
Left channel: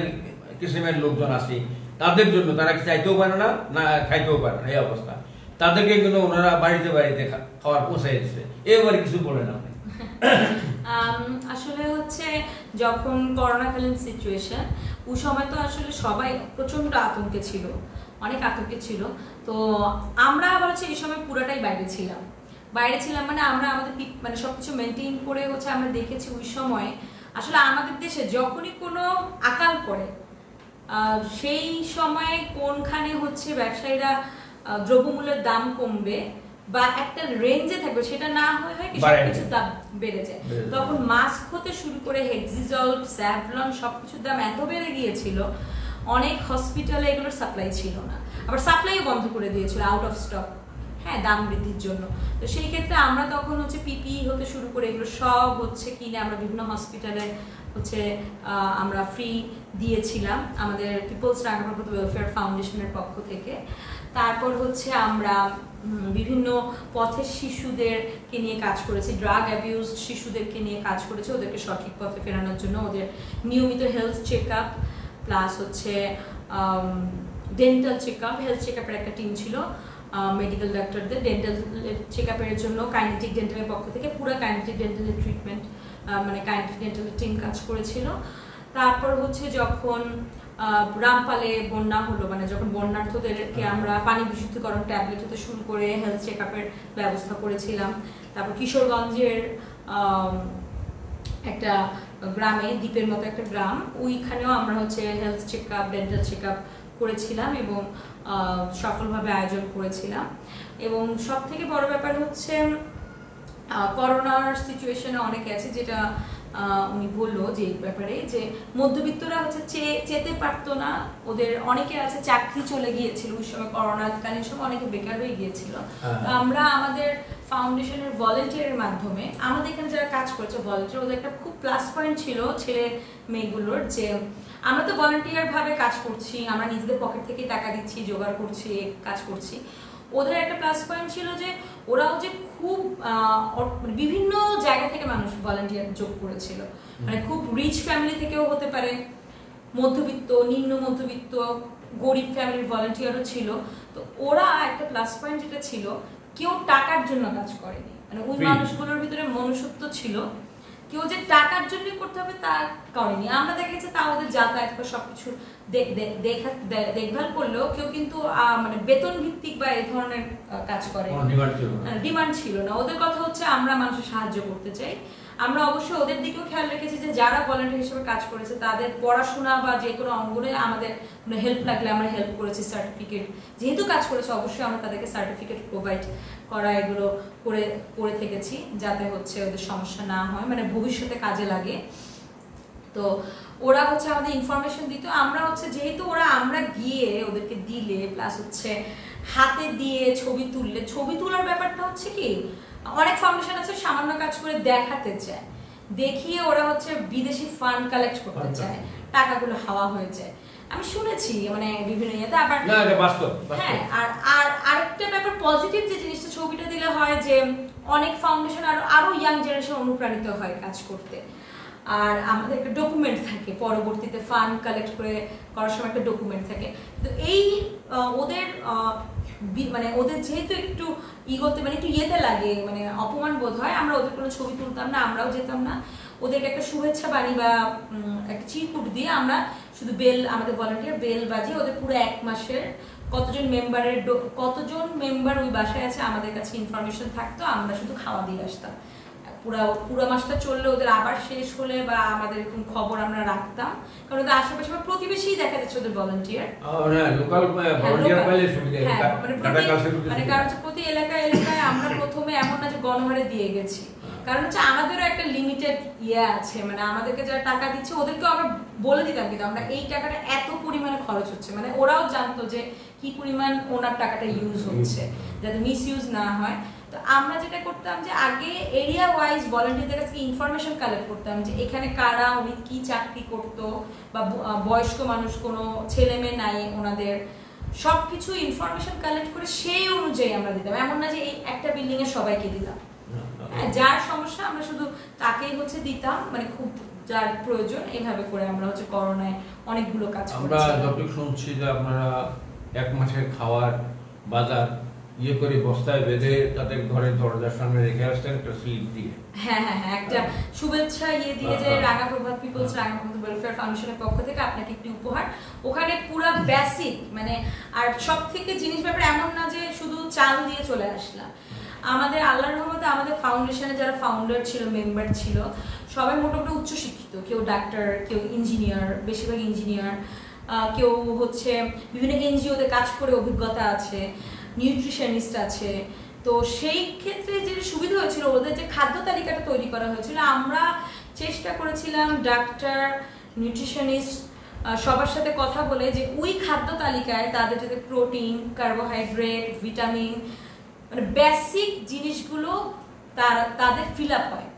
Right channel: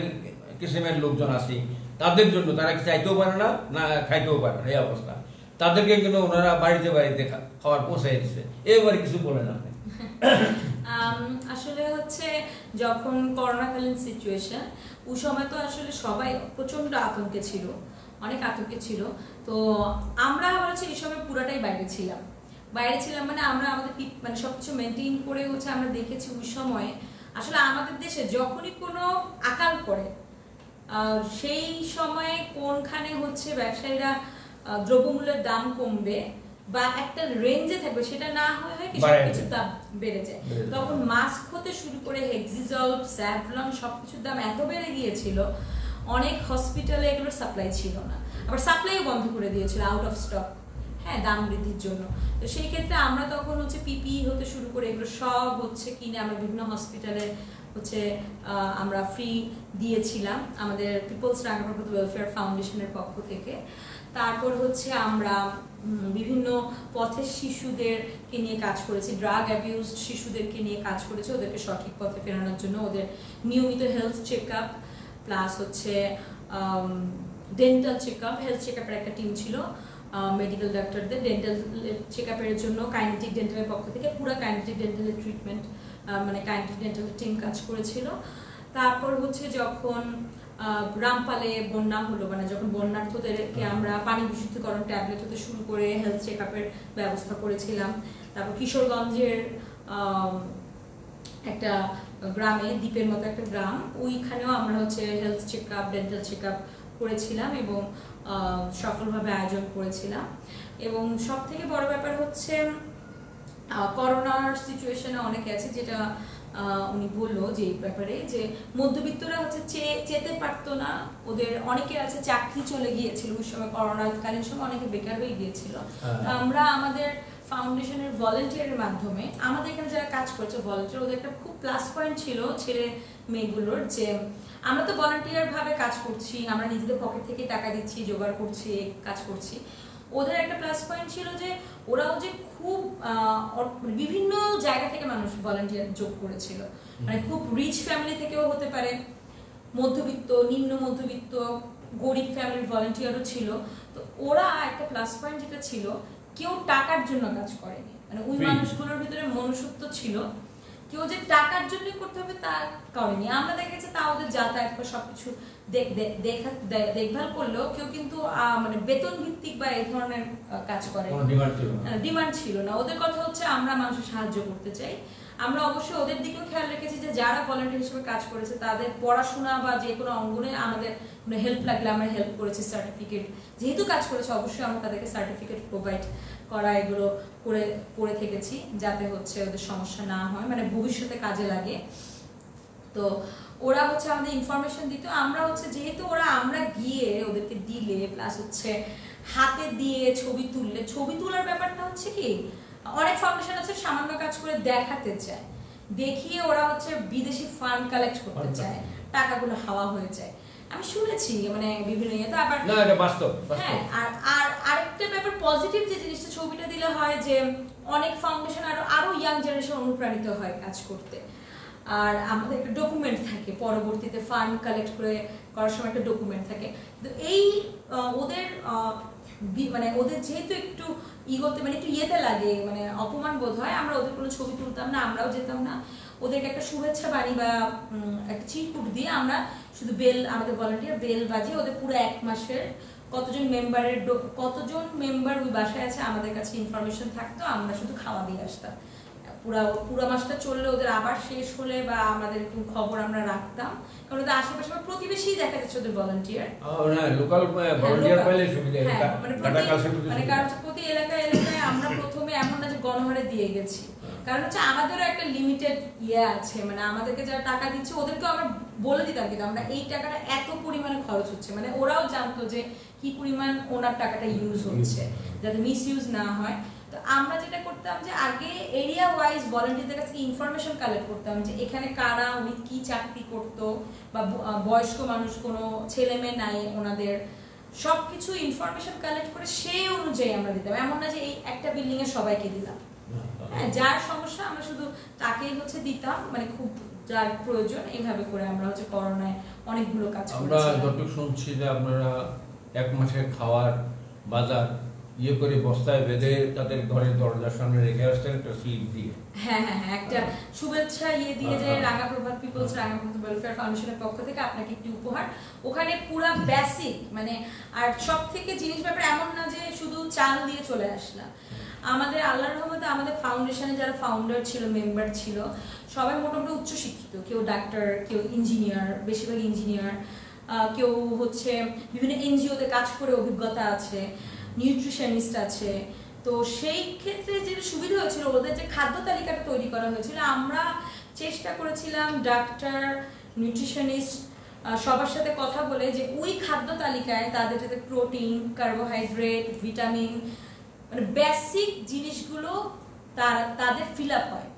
কিসিমের লোকজন আছি তাদের জন্য, তারা চাইতেও পারে না, না খাইতেও পারে না, এই অবস্থা, তাদেরকে কিন্তু ওনারা বাড়িতে বাড়িতে খাবার পৌঁছাই দিচ্ছে। এবারে কিছু বলেন আপনি। আসলে হচ্ছে যখন করোনাকালীন সিচুয়েশন, ওই সময় তো আসলে সবাই প্রচন্ড আতঙ্কে ছিল, অনেক আতঙ্কে ছিল। তো আমরা আবার হচ্ছে এই সময় পুরোটাই বাইরে ছিলাম মানে আমরা আমাদের মানে সবকিছু মেনটেন করে হচ্ছে আমরা দেখেছি ওই সময় আসলে আমাদের দেশে যখনই কোনো আকাল পড়ে সেই সময়ে কোনখানে হচ্ছে ব্যবসায়ীরা দ্রব্যমূল্যের দাম কমবে বা একটা রেঞ্জে থাকবে সেটা না হয় কিছুর দাম বেড়ে যায়। তখন মাস্ক হতে শুরু করে হেক্সিজল, স্যাভলন সবকিছুর দাম এত বেড়ে গিয়েছিল, অনেক হসপিটালে এগুলোর সাপ্লাই ছিল না, আবার সাপ্লাইও বন্ধ করে দিয়েছিল আউট অফ স্টক, হ্যাঁ দাম বৃদ্ধির জন্য। তো সেই ক্ষেত্রে আমরা তখন হচ্ছে পিপিই হতে শুরু করে এগুলো সব হচ্ছে কিনে আমরা বিভিন্ন হসপিটালে হচ্ছে আমরা ফ্রি দিয়েছিলাম আমাদের পিপলস রাঙ্গামাটি ওয়েলফেয়ার ফাউন্ডেশনের পক্ষ থেকে। তারপর হচ্ছে আমরা বিভিন্ন পথের শিশুদেরকে নিয়ে কাজ করেছি, ড্রাগ অ্যাবিউজ শিশুদেরকে নিয়ে কাজ করেছি, ওদেরকে সঠিক পথে ফেরানোর জন্য ওদের নিয়মিত হেলথ চেক আপ প্লাস হচ্ছে dental check up. Health check আপের একটা টিম ছিল মেডিকেল ডাক্তারদের, ডেন্টাল চেক আপের জন্য কাইনেটিক ডেন্টালের পক্ষ থেকে পুরো কাইনেটিক ডেন্টালের ট্রিটমেন্ট মানে কাইনেটিক ডেন্টালের টিম কাজ করেছিল। তারপর হচ্ছে যখন রামপালে বন্যা হলো, মানে যখন বন্যার্থদেরকে আমরা পানি বিশুদ্ধকরণ ট্যাবলেট হতে শুরু করে হেলথ চেক আপের ব্যবস্থা করেছিলাম। তারপর কিশোরগঞ্জের একটা গ্রামে, দ্বীপের মতো একটা গ্রাম, ওইখানেও আমরা হচ্ছে health check up, dental check up করেছিলাম এবং সফলভাবে আয়োজন করেছিলাম। এবং সব থেকে বড় ব্যাপার হচ্ছে করোনার সিচুয়েশনে অনেকে আছে, যেটা উনি বললো যে ব্যাপারে যে মধ্যবিত্তরা হচ্ছে চেতে পারতো না, ওদের অনেকে আছে চাকরি চলে গিয়েছিল ওই সময়, করোনাকালীন সময় অনেকে বেকার হয়ে গিয়েছিল। আমরা আমাদের ফাউন্ডেশনের ভলেন্টিয়ারের মাধ্যমে আমাদের এখানে যারা কাজ করেছে ভলেন্টিয়ার, ওদের একটা খুব প্লাস পয়েন্ট ছিল ছেলে মেয়েগুলোর, যে আমরা তো ভলেন্টিয়ার ভাবে কাজ করছি, আমরা নিজেদের পকেট থেকে টাকা দিচ্ছি, জোগাড় করছি, কাজ করছি। ওদের একটা প্লাস পয়েন্ট ছিল যে ওরাও যে খুব বিভিন্ন জায়গা থেকে মানুষ ভলান্টিয়ার যোগ করেছিল, মানে খুব রিচ ফ্যামিলি থেকেও হতে পারে, মধ্যবিত্ত, নিম্ন মধ্যবিত্ত, গরিব ফ্যামিলির ভলান্টিয়ারও ছিল। তো ওরা একটা প্লাস পয়েন্ট যেটা ছিল, কেউ টাকার জন্য কাজ করেনি, মানে ওই মানুষগুলোর ভিতরে মনুষ্যত্ব ছিল, কেউ যে টাকার জন্য করতে হবে তা করেনি। আমরা দেখেছি তা ওদের যাতায়াত বা সবকিছু দেখভাল করলেও কেউ কিন্তু মানে বেতন ভিত্তিক বা এই ধরনের কাজ করে, ডিমান্ড ছিল না। ওদের কথা হচ্ছে আমরা মানুষের সাহায্য করতে চাই। আমরা অবশ্যই ওদের দিকেও খেয়াল রেখেছি যে যারা ভলান্টিয়ার হিসেবে কাজ করেছে তাদের পড়াশোনা বা যে কোনো অঙ্গনে আমাদের কোনো হেল্প লাগলে আমরা হেল্প করেছি। সার্টিফিকেট যেহেতু কাজ করেছে অবশ্যই আমরা তাদেরকে সার্টিফিকেট প্রোভাইড করা এগুলো করে থেকেছি, যাতে হচ্ছে ওদের সমস্যা না হয়, মানে ভবিষ্যতে কাজে লাগে। তো ওরা হচ্ছে আমাদের ইনফরমেশন দিত, আমরা হচ্ছে যেহেতু আমরা গিয়ে ওদেরকে দিলে প্লাস হচ্ছে হাতে দিয়ে ছবি তোলার ব্যাপারটা হচ্ছে কি, অনেক ফাউন্ডেশন আছে সামান্য কাজ করে দেখাতে চায়, দেখিয়ে ওরা হচ্ছে বিদেশি ফান্ড কালেক্ট করতে চায়, টাকাগুলো হাওয়া হয়ে যায়। আমি শুনেছি মানে বিভিন্ন ইয়েতে। আবার না, এটা বাস্তব। হ্যাঁ, আর আরেকটা ব্যাপার পজিটিভ যে জিনিসটা ছবিটা দিলে হয় যে অনেক ফাউন্ডেশন আরো ইয়াং জেনারেশন অনুপ্রাণিত হয় কাজ করতে। আর আমাদের একটা ডকুমেন্ট থাকে, পরবর্তীতে ফান্ড কালেক্ট করার সময় একটা ডকুমেন্ট থাকে। তো এই ওদের যেহেতু একটু ইগোতে মানে একটু ইয়েতে লাগে, মানে অপমান বোধ হয়, আমরা ওদের কোনো ছবি তুলতাম না, আমরাও যেতাম না। ওদেরকে একটা শুভেচ্ছা বাণী বা একটা চিরকুট দিয়ে আমরা শুধু আমাদের ভলান্টিয়ার বেল বাজিয়ে ওদের পুরো 1 মাসের কতজন মেম্বার ওই বাসায় আছে আমাদের কাছে ইনফরমেশন থাকতো, আমরা শুধু খাওয়া দিয়ে আসতাম। পুরো মাসটা চললে ওদের আবার শেষ হলে বা আমাদের খবর আমরা রাখতাম, কারণ ওদের আশেপাশে প্রতিবেশী দেখা যাচ্ছে ওদের ভলান্টিয়ার, মানে কারণ প্রতি এলাকায় আমরা প্রথমে এমন না যে গণহারে দিয়ে গেছি, কারণ হচ্ছে আমাদেরও একটা লিমিটেড আছে, মানে আমাদেরকে যারা টাকা দিচ্ছে ওদেরকেও আমরা বলে দিতাম কিন্তু আমরা এই টাকাটা এত পরিমাণে খরচ হচ্ছে, মানে ওরাও জানতো যে কি পরিমাণ ওনার টাকাটা ইউজ হচ্ছে, যাতে মিস ইউজ না হয়। তো আমরা যেটা করতাম যে আগে এরিয়া ওয়াইজ ভলান্টিয়ারদের কাছে ইনফরমেশন কালেক্ট করতাম যে এখানে কারা, উনি কি চাকরি করতো, বা বয়স্ক মানুষ কোনো ছেলে মেয়ে নাই ওনাদের, সবকিছু ইনফরমেশন কালেক্ট করে সেই অনুযায়ী আমরা দিতাম। এমন না যে এই একটা বিল্ডিং এ সবাইকে দিলাম, হ্যাঁ, যার সমস্যা আমরা শুধু তাকেই হচ্ছে দিতাম, মানে খুব যার প্রয়োজন। এইভাবে করে আমরা হচ্ছে করোনায় অনেকগুলো কাজ করেছি। আমরা যতটুকু শুনছি যে আপনারা 1 মাসের খাওয়ার বাজার করে বস্তায় বেঁধে তাদের ঘরের দরজার সামনে রেখে আসতেন একটা স্লিপ দিয়ে। হ্যাঁ, একটা শুভেচ্ছা দিয়ে যে রাঙা প্রভাত পিপলস রাঙা প্রভাত ওয়েলফেয়ার ফাউন্ডেশনের পক্ষ থেকে আপনাকে একটি উপহার। ওখানে পুরো বেসিক মানে আর সব থেকে জিনিস ব্যাপারে এমন না যে শুধু চাল দিয়ে চলে আসলাম। আমাদের আল্লাহর রহমতে আমাদের ফাউন্ডেশনে যারা ফাউন্ডার ছিল, মেম্বার ছিল, সবাই মোটামুটি উচ্চশিক্ষিত, কেউ ডাক্তার, কেউ ইঞ্জিনিয়ার, বেশিরভাগ ইঞ্জিনিয়ার, কেউ হচ্ছে বিভিন্ন এনজিওতে কাজ করে অভিজ্ঞতা আছে, নিউট্রিশনিস্ট আছে। তো সেই ক্ষেত্রে যে সুবিধা হয়েছিল, ওদের যে খাদ্য তালিকাটা তৈরি করা হয়েছিল, আমরা চেষ্টা করেছিলাম ডাক্তার, নিউট্রিশনিস্ট সবার সাথে কথা বলে যে ওই খাদ্য তালিকায় তাদের যাতে প্রোটিন, কার্বোহাইড্রেট, ভিটামিন, মানে বেসিক জিনিসগুলো তাদের ফিল আপ হয়,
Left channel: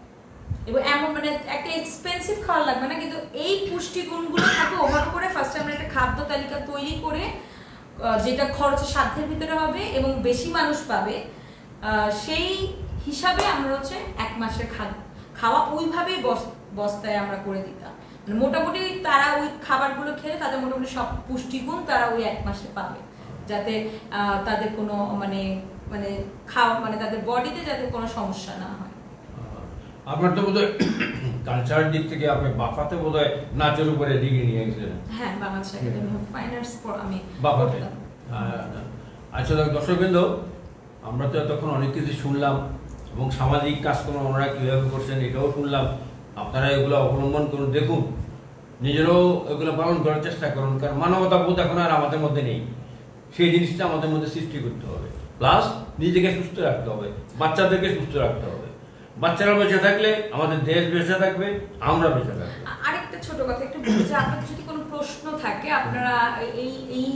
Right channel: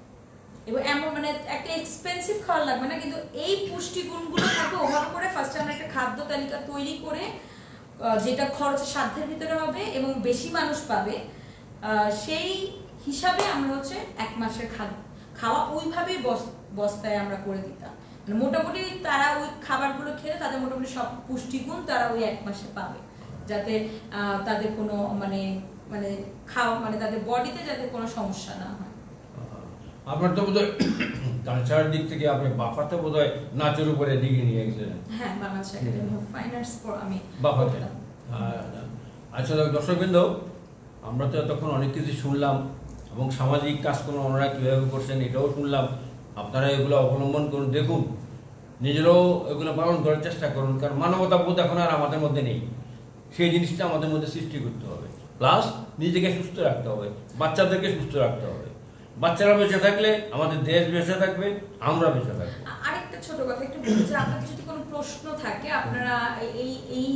এবং এমন মানে একটা এক্সপেন্সিভ খাবার লাগবে না, কিন্তু এই পুষ্টিগুণগুলো থাকে ওভার করে ফার্স্টে আমরা একটা খাদ্য তালিকা তৈরি করে যেটা খরচের সাধ্যের ভিতরে হবে এবং বেশি মানুষ পাবে, সেই হিসাবে আমরা হচ্ছে 1 মাসের খাওয়া ওইভাবেই বস্তায় আমরা করে দিতাম। মানে মোটামুটি তারা ওই খাবারগুলো খেলে তাদের মোটামুটি সব পুষ্টিগুণ তারা ওই 1 মাসে পাবে, যাতে তাদের কোনো মানে খাওয়া মানে তাদের বডিতে যাতে কোনো সমস্যা না হয়। আপনার তো বোধহয় কালচার দিক থেকে আপনি বাফাতে বোধহয় নাচের উপরে ডিগ্রি নিয়ে গেছিলেন। হ্যাঁ, Bangladesh academy of fine arts আমি বাফাতে। আচ্ছা দর্শকবৃন্দ, আমরা তো এতক্ষণ অনেক কিছু শুনলাম এবং সামাজিক কাজকর্ম ওনারা কীভাবে করছেন এটাও শুনলাম। আপনারা এগুলো অবলম্বন করুন, দেখুন, নিজেরাও এগুলো পালন করার চেষ্টা করুন, কারণ মানবতা বোধ এখন আর আমাদের মধ্যে নেই। সেই জিনিসটা আমাদের মধ্যে সৃষ্টি করতে হবে, প্লাস নিজেকে সুস্থ রাখতে হবে, বাচ্চাদেরকে সুস্থ রাখতে হবে। বাচ্চারা বেঁচে থাকলে আমাদের দেশ বেঁচে থাকবে, আমরা বেঁচে থাকবো। আরেকটা ছোট কথা একটু বলছি, আপনাদের যদি কোনো প্রশ্ন থাকে আপনারা এই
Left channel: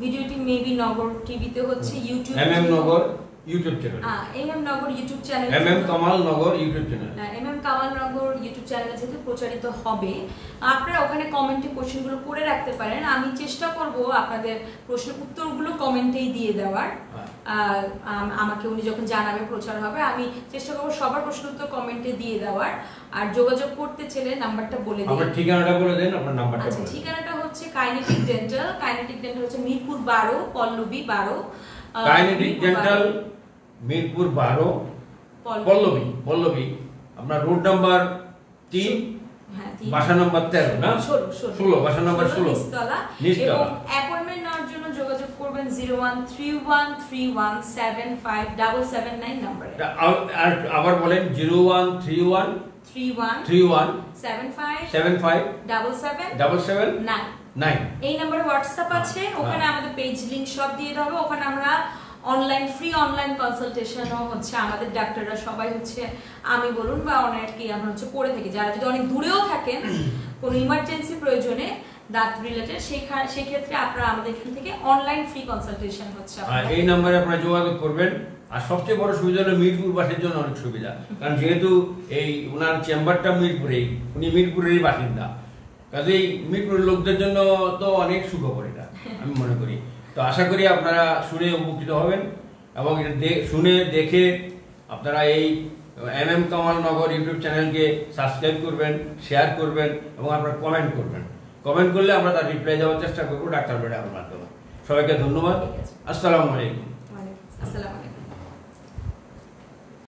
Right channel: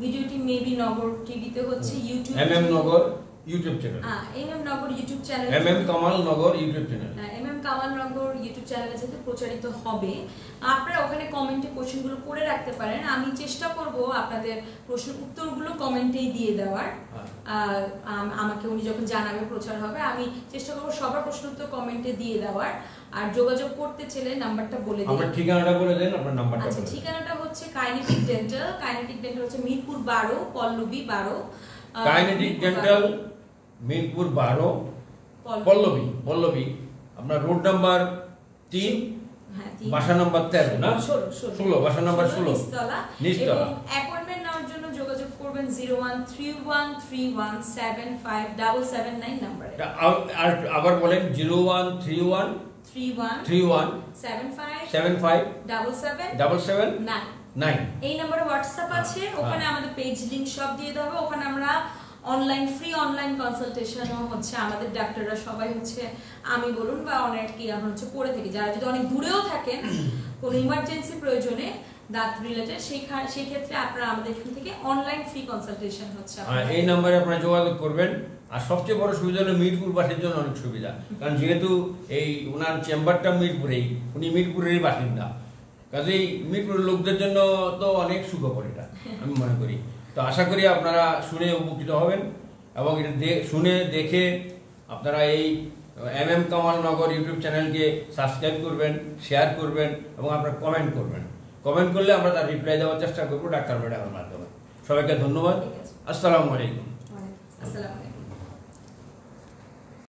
ভিডিওটি মেবি নগর টিভিতে হচ্ছে ইউটিউব এমএম নগর ইউটিউব চ্যানেল, এমএম নগর ইউটিউব চ্যানেল, এমএম কামাল নগর ইউটিউব চ্যানেল, এমএম কামাল নগর ইউটিউব চ্যানেলে যেতে প্রচারিত হবে। আপনারা ওখানে কমেন্টে কোশ্চেনগুলো করে রাখতে পারেন, আমি চেষ্টা করব আপনাদের প্রশ্নের উত্তরগুলো কমেন্টেই দিয়ে দেওয়ার। আমাকে উনি যখন জানাবে, প্রচার হবে, আমি চেষ্টা করবো সবার প্রশ্ন উত্তর কমেন্টে দিয়ে দেওয়ার। আর যোগাযোগ করতে চাইলে নাম্বারটা বলে দিই। আমার ঠিকানাটা বলে দেন, আপনার নাম্বারটা আচ্ছা, বলে দেন। ঠিকানাটা হচ্ছে কাইনেটিক ডেন্টাল। কাইনেটিক ডেন্টাল হচ্ছে মিরপুর 12, পল্লবী 12। Kinetic Dental Mirpur 12, Pallabi. আপনার রোড নাম্বার 3, বাসা নাম্বার 13 না 16, বাসা নাম্বার 16 নিচতলা। এবং অ্যাপয়েন্টমেন্ট নেওয়ার জন্য যোগাযোগ করবেন 013131757779 নম্বরে। আবার বলেন 013131757779 এই নম্বরে হোয়াটসঅ্যাপ আছে, ওখানে আমাদের পেজ লিংক সব দিয়ে দেবো। ওখানে আমরা ফ্রি অনলাইন কনসালটেশনও হচ্ছে, আমাদের ডাক্তাররা সবাই হচ্ছে, আমি বলুন বা অনেকেই আমরা হচ্ছে করে থাকি। যারা যদি অনেক দূরেও থাকেন, কোনো ইমার্জেন্সি প্রয়োজনে দাঁত রিলেটেড, সেই ক্ষেত্রে আপনারা আমাদের এখান থেকে অনলাইন ফ্রি কনসালটেশন হচ্ছে। এই নম্বরে আপনারা যোগাযোগ করবেন। আর সবচেয়ে বড় সুবিধা হলো মিরপুরবাসীর জন্য অনেক সুবিধা, কারণ যেহেতু এই ওনার চেম্বারটা মিরপুরেই, উনি মিরপুরেরই বাসিন্দা, কাজেই মিরপুরের লোকদের জন্য তো অনেক সুখবর এটা, আমি মনে করি। তো আশা করি আপনারা শুনে উপকৃত হবেন এবং এটা শুনে দেখে আপনারা এই কামাল নগর ইউটিউব চ্যানেলকে সাবস্ক্রাইব করবেন, শেয়ার করবেন এবং আপনারা কমেন্ট করবেন। কমেন্ট করলে আমরা তার রিপ্লাই দেওয়ার চেষ্টা করবো ডাক্তার ম্যাডামের মাধ্যমে। সবাইকে ধন্যবাদ। আসসালামু আলাইকুম। আসসালামু আলাইকুম।